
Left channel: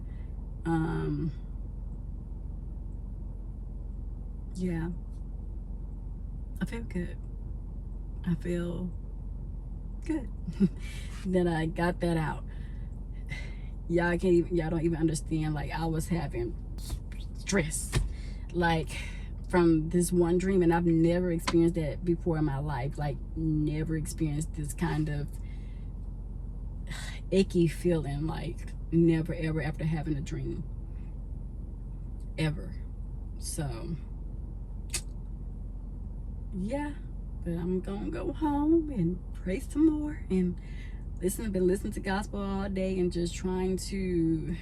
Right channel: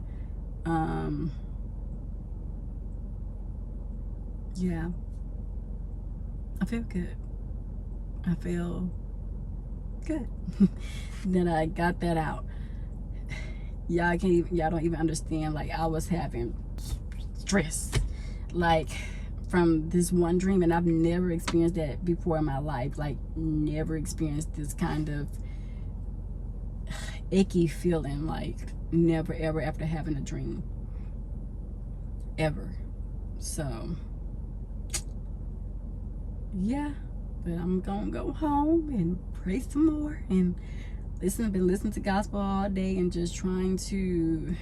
yeah, I feel good. I feel good that I got that out. Y'all don't even understand. Like, I was having stress, like, from this one dream, and I've never experienced that before in my life. Like, never experienced this kind of icky feeling, like never ever after having a dream ever. So yeah, but I'm gonna go home and pray some more and I've been listening to gospel all day and just trying to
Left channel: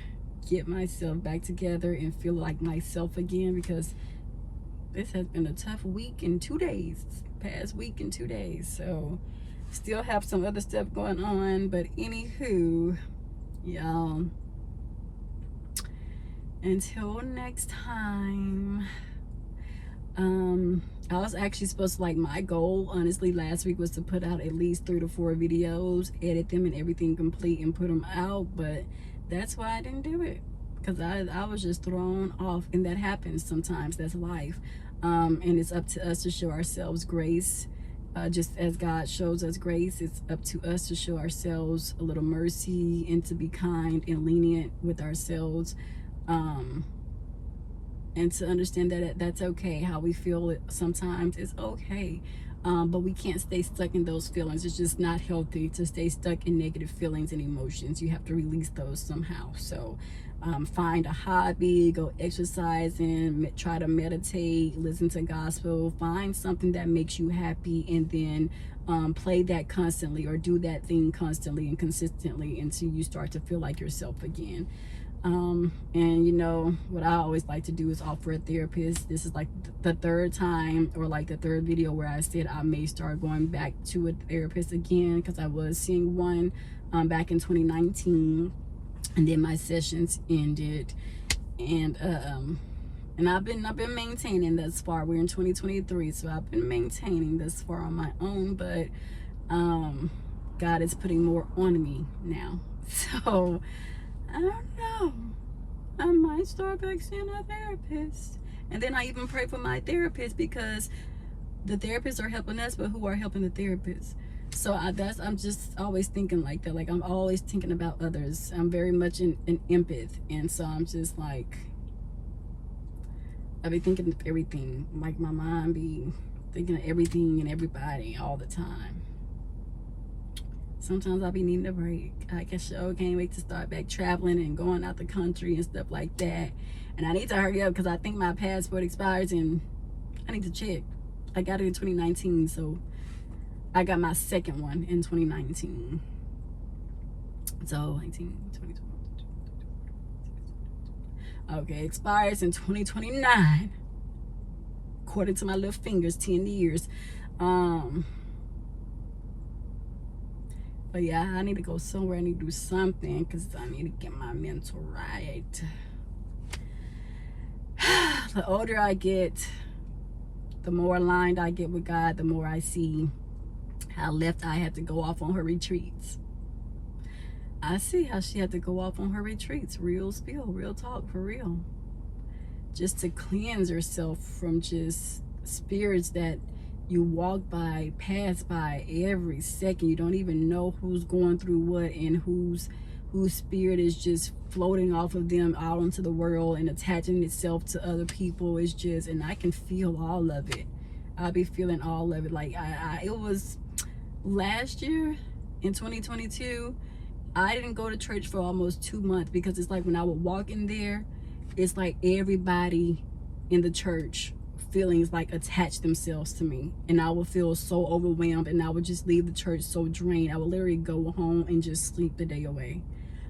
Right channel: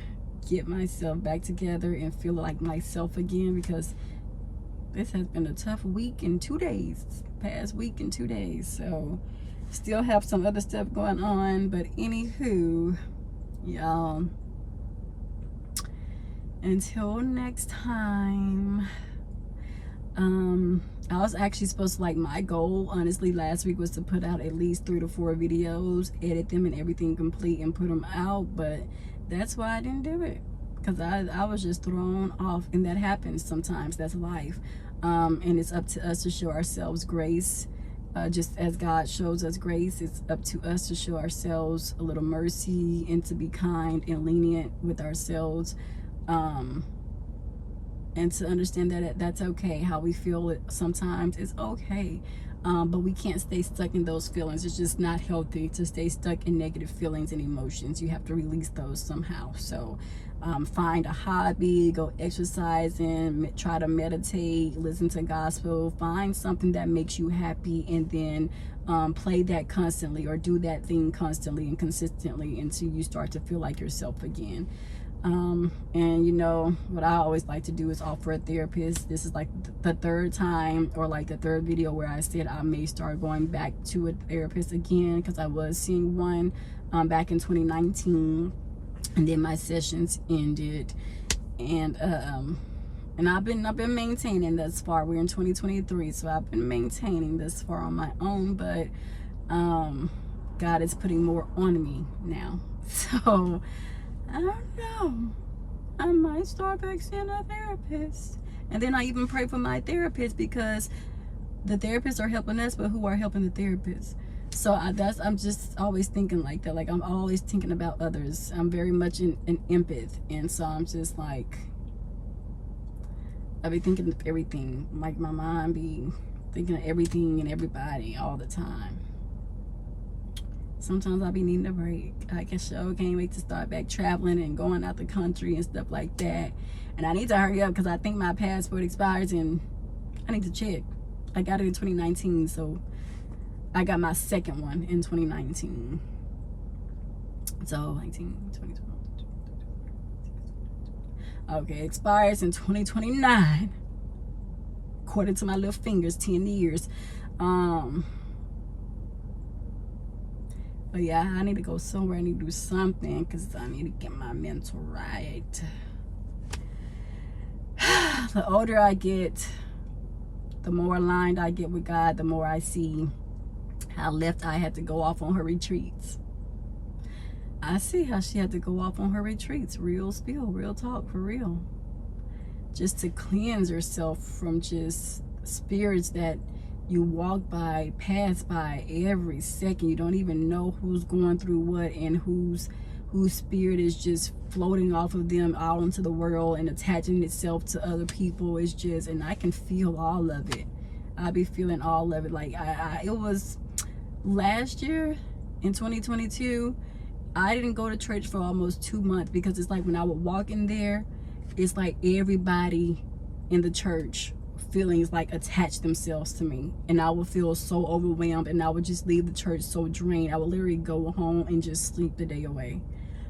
get myself back together and feel like myself again, because this has been a tough week and 2 days, past week and 2 days. So still have some other stuff going on, but anywho, y'all, until next time. I was actually supposed to, like, my goal honestly last week was to put out at least 3 to 4 videos, edit them and everything complete and put them out, but that's why I didn't do it, because I was just thrown off, and that happens sometimes. That's life. And it's up to us to show ourselves grace. Just as God shows us grace, it's up to us to show ourselves a little mercy and to be kind and lenient with ourselves, and to understand that that's okay. How we feel it sometimes is okay, but we can't stay stuck in those feelings. It's just not healthy to stay stuck in negative feelings and emotions. You have to release those somehow. So find a hobby, go exercising, try to meditate, listen to gospel, find something that makes you happy, and then play that constantly, or do that thing constantly and consistently until you start to feel like yourself again. And you know what I always like to do is offer a therapist. This is like the third time, or like the third video where I said I may start going back to a therapist again, because I was seeing one back in 2019, and then my sessions ended, and I've been maintaining thus far. We're in 2023, so I've been maintaining this far on my own, but God is putting more on me now. So I don't know, I might start back seeing a therapist. And then I even pray for my therapist, because the therapists are helping us, but who are helping the therapists? So I'm just always thinking like that. Like, I'm always thinking about others. I'm very much an empath, and so I'm just like, I be thinking of everything. Like, my mind be thinking of everything and everybody all the time. Sometimes I be needing a break. I can sure can't wait to start back traveling and going out the country and stuff like that. And I need to hurry up because I think my passport expires and I need to check. I got it in 2019, so I got my second one in 2019. So 19, 20, okay, expires in 2029. According to my little fingers, 10 years. But yeah, I need to go somewhere. I need to do something because I need to get my mental right. The older I get, the more aligned I get with God, the more I see how left I had to go off on her retreats. I see how she had to go off on her retreats. Real spill, real talk, for real. Just to cleanse herself from just spirits that you walk by, pass by every second. You don't even know who's going through what and whose spirit is just floating off of them out into the world and attaching itself to other people. It's just, and I can feel all of it. I be feeling all of it. Like it was last year in 2022. I didn't go to church for almost 2 months because it's like when I would walk in there, it's like everybody in the church feelings like attach themselves to me, and I would feel so overwhelmed, and I would just leave the church so drained. I would literally go home and just sleep the day away.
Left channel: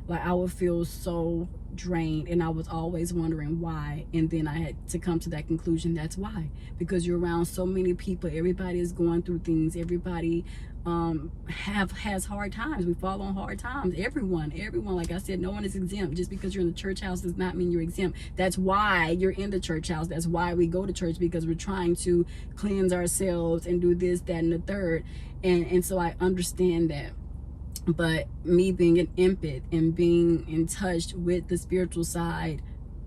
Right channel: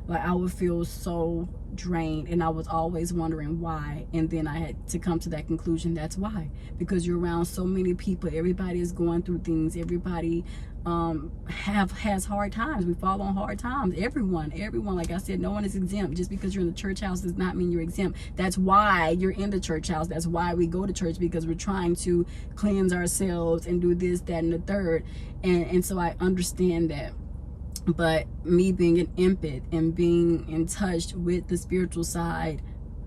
Like I would feel so drained, and I was always wondering why. And then I had to come to that conclusion. That's why, because you're around so many people. Everybody is going through things. Everybody has hard times. We fall on hard times. Everyone, like I said, no one is exempt. Just because you're in the church house does not mean you're exempt. That's why you're in the church house. That's why we go to church, because we're trying to cleanse ourselves and do this, that, and the third. And so I understand that. But me being an empath and being in touch with the spiritual side,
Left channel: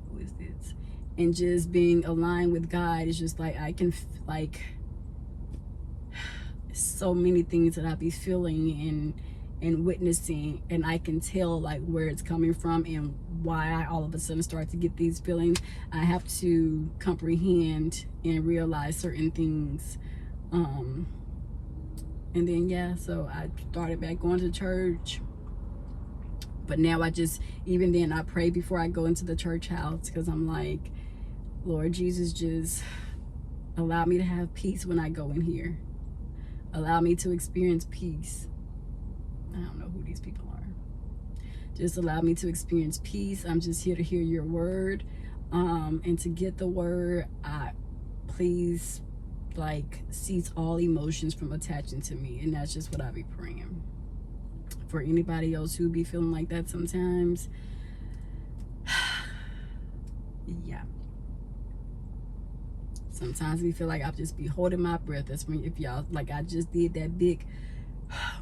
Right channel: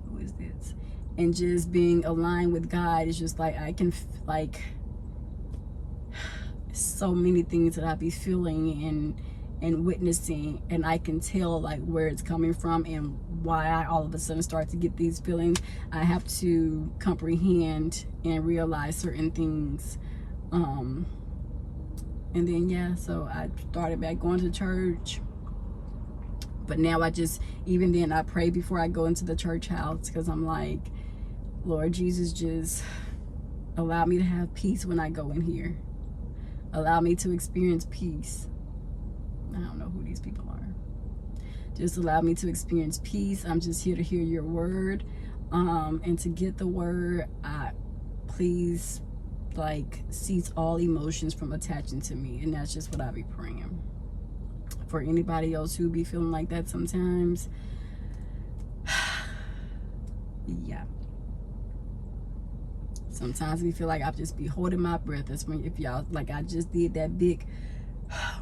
who is this, and just being aligned with God, is just like I can like so many things that I be feeling and witnessing, and I can tell like where it's coming from and why I all of a sudden start to get these feelings. I have to comprehend and realize certain things. And then yeah, so I started back going to church. But now I just, even then I pray before I go into the church house, because I'm like, Lord Jesus, just allow me to have peace when I go in here. Allow me to experience peace. I don't know who these people are. Just allow me to experience peace. I'm just here to hear your word. And to get the word, please like cease all emotions from attaching to me. And that's just what I be praying for anybody else who be feeling like that sometimes. Yeah, sometimes we feel like I just be holding my breath. That's when, if y'all like, I just did that big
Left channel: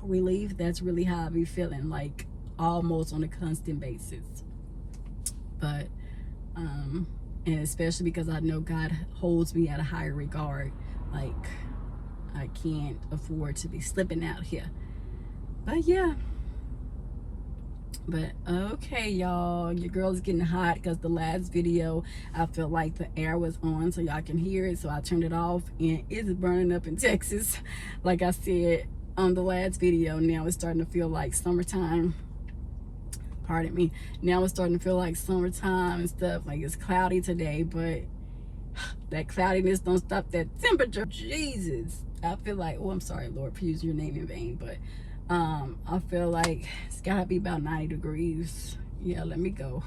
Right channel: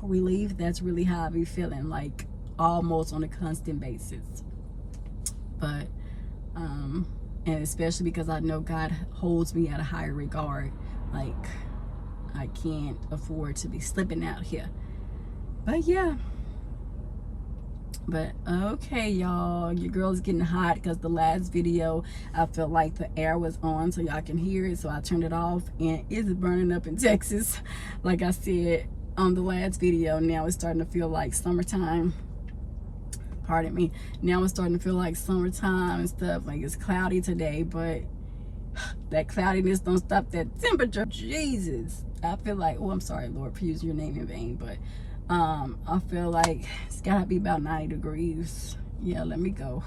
relief. That's really how I be feeling, like almost on a constant basis. But and especially because I know God holds me at a higher regard. Like I can't afford to be slipping out here. But yeah, but okay, y'all, your girl is getting hot because the last video I felt like the air was on so y'all can hear it, so I turned it off, and it's burning up in Texas. Like I said on the last video, now it's starting to feel like summertime. Pardon me. Now it's starting to feel like summertime and stuff. Like it's cloudy today, but that cloudiness don't stop that temperature. Jesus, I feel like, oh, I'm sorry, Lord, for using your name in vain, but I feel like it's gotta be about 90 degrees. Yeah, let me go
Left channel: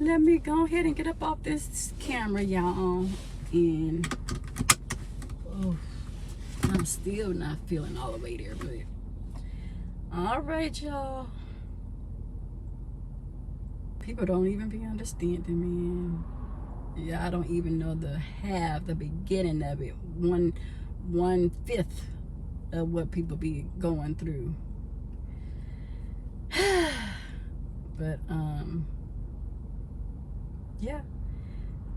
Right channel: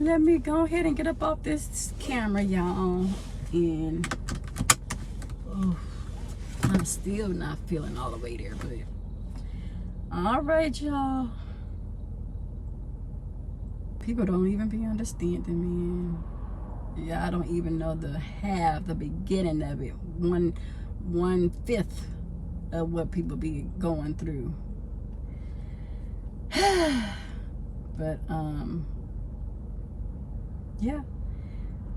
ahead and get up off this camera, y'all. And oh, I'm still not feeling all the way there, but all right, y'all. People don't even be understanding, man. Yeah, I don't even know the beginning of it. One fifth of what people be going through. But yeah,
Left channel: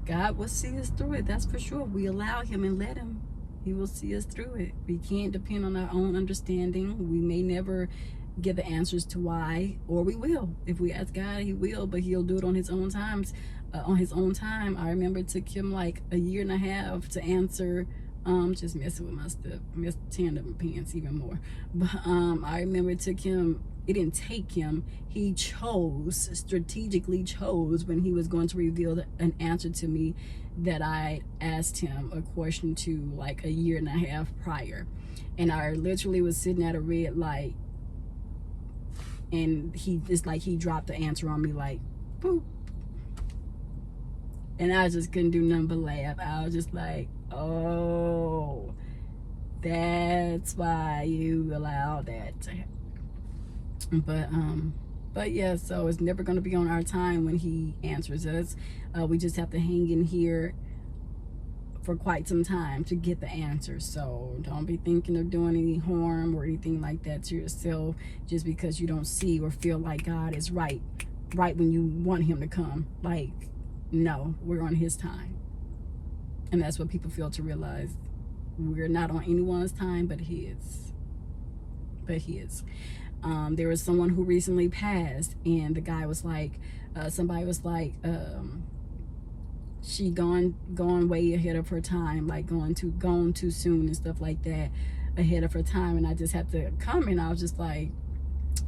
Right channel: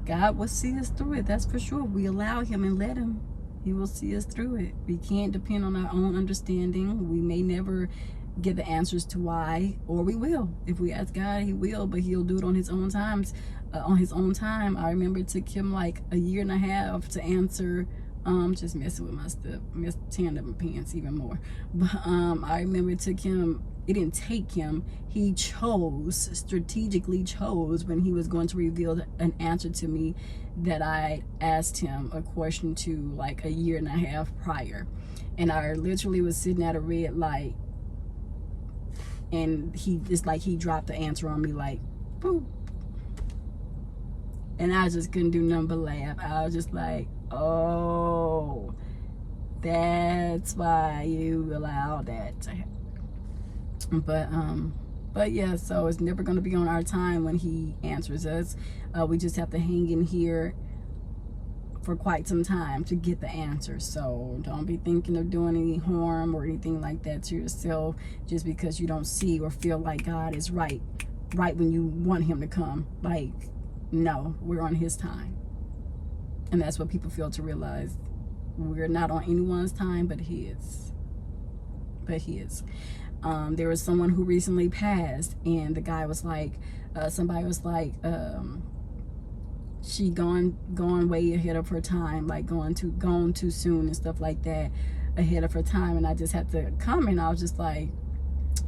God will see us through it. That's for sure. We allow him and let him. He will see us through it. We can't depend on our own understanding. We may never get the answers to why, or we will. If we ask God, he will, but he'll do it on his own times. On his own time. I remember it took him like 1.5 years to answer Just messing with my stuff, tearing up my pants even more. But I remember it took him, it didn't take him, he strategically chose when he was going to reveal an answer to me that I asked him a question to like a year and a half prior. And I literally was sitting at a red light, and he dropped the answer on me like boop. And I just couldn't do nothing but laugh. I was just like, oh, that's why you allow that to happen. But yeah, so it's never going to be on our time when he answers us. We just have to hang in here for quite some time to get the answer. So don't be thinking of doing any harm or anything like that to yourself just because you don't see or feel like God is right when you want him to come. Like, no, we're on his time. And that's what people fail to realize. We're not on anyone's time but his. There was someone who recently passed, and the guy was like, somebody was like, she gone way ahead of her time, like gone too soon and stuff like that, ahead of her time. And I just had to comment. I was just like,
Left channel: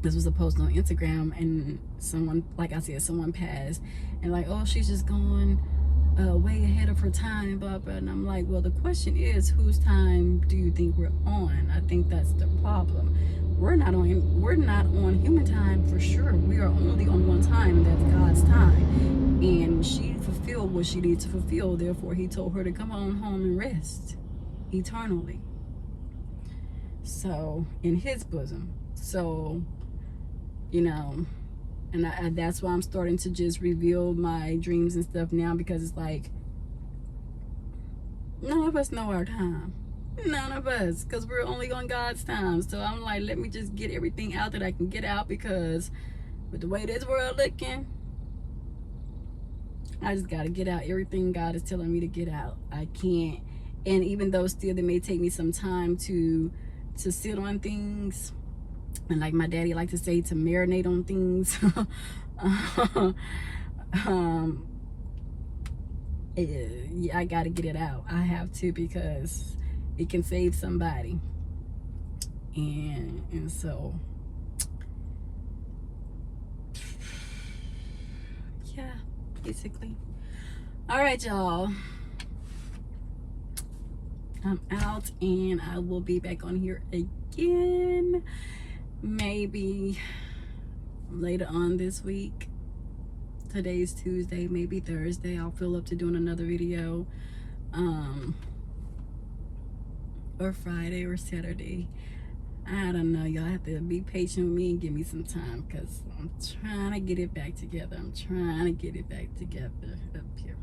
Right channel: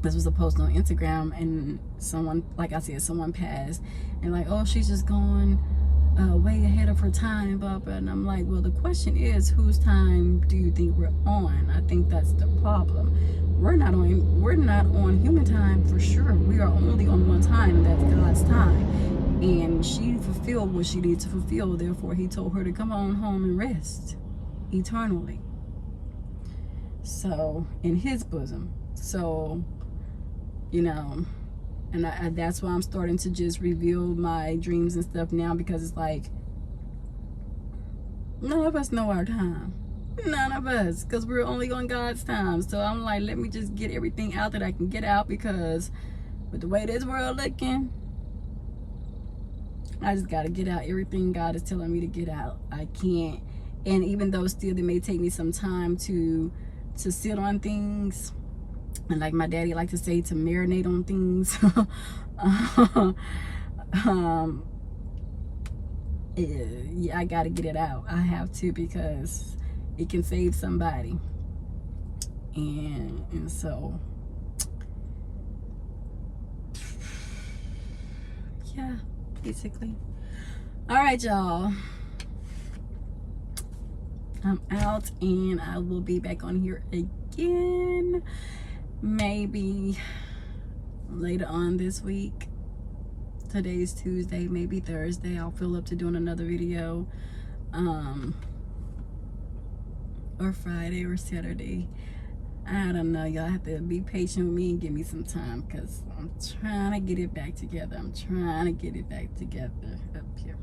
this was a post on Instagram, and someone, like I said, someone passed, and like, oh, she's just going way ahead of her time, blah blah. And I'm like, well, the question is, whose time do you think we're on? I think that's the problem. We're not on human time for sure. We are only on one time, and that's God's time. And she fulfilled what she needed to fulfill. Therefore, he told her to come on home and rest eternally. So, in his bosom. So, you know, and that's why I'm starting to just reveal my dreams and stuff now, because it's like, none of us know our time. None of us, because we're only on God's time. So I'm like, let me just get everything out that I can get out, because with the way this world looking, I just got to get out everything God is telling me to get out. I can't. And even though still it may take me some time to sit on things, and like my daddy liked to say, to marinate on things. Yeah, I got to get it out. I have to, because it can save somebody. And so, yeah, basically. All right, y'all. I'm out, and I will be back on here again. Maybe later on this week. Today's Tuesday, maybe Thursday. I'll feel up to doing another video. Or Friday or Saturday. I don't know. Y'all have to be patient with me and give me some time, because I'm trying to get it back together. I'm trying to get it back together up here.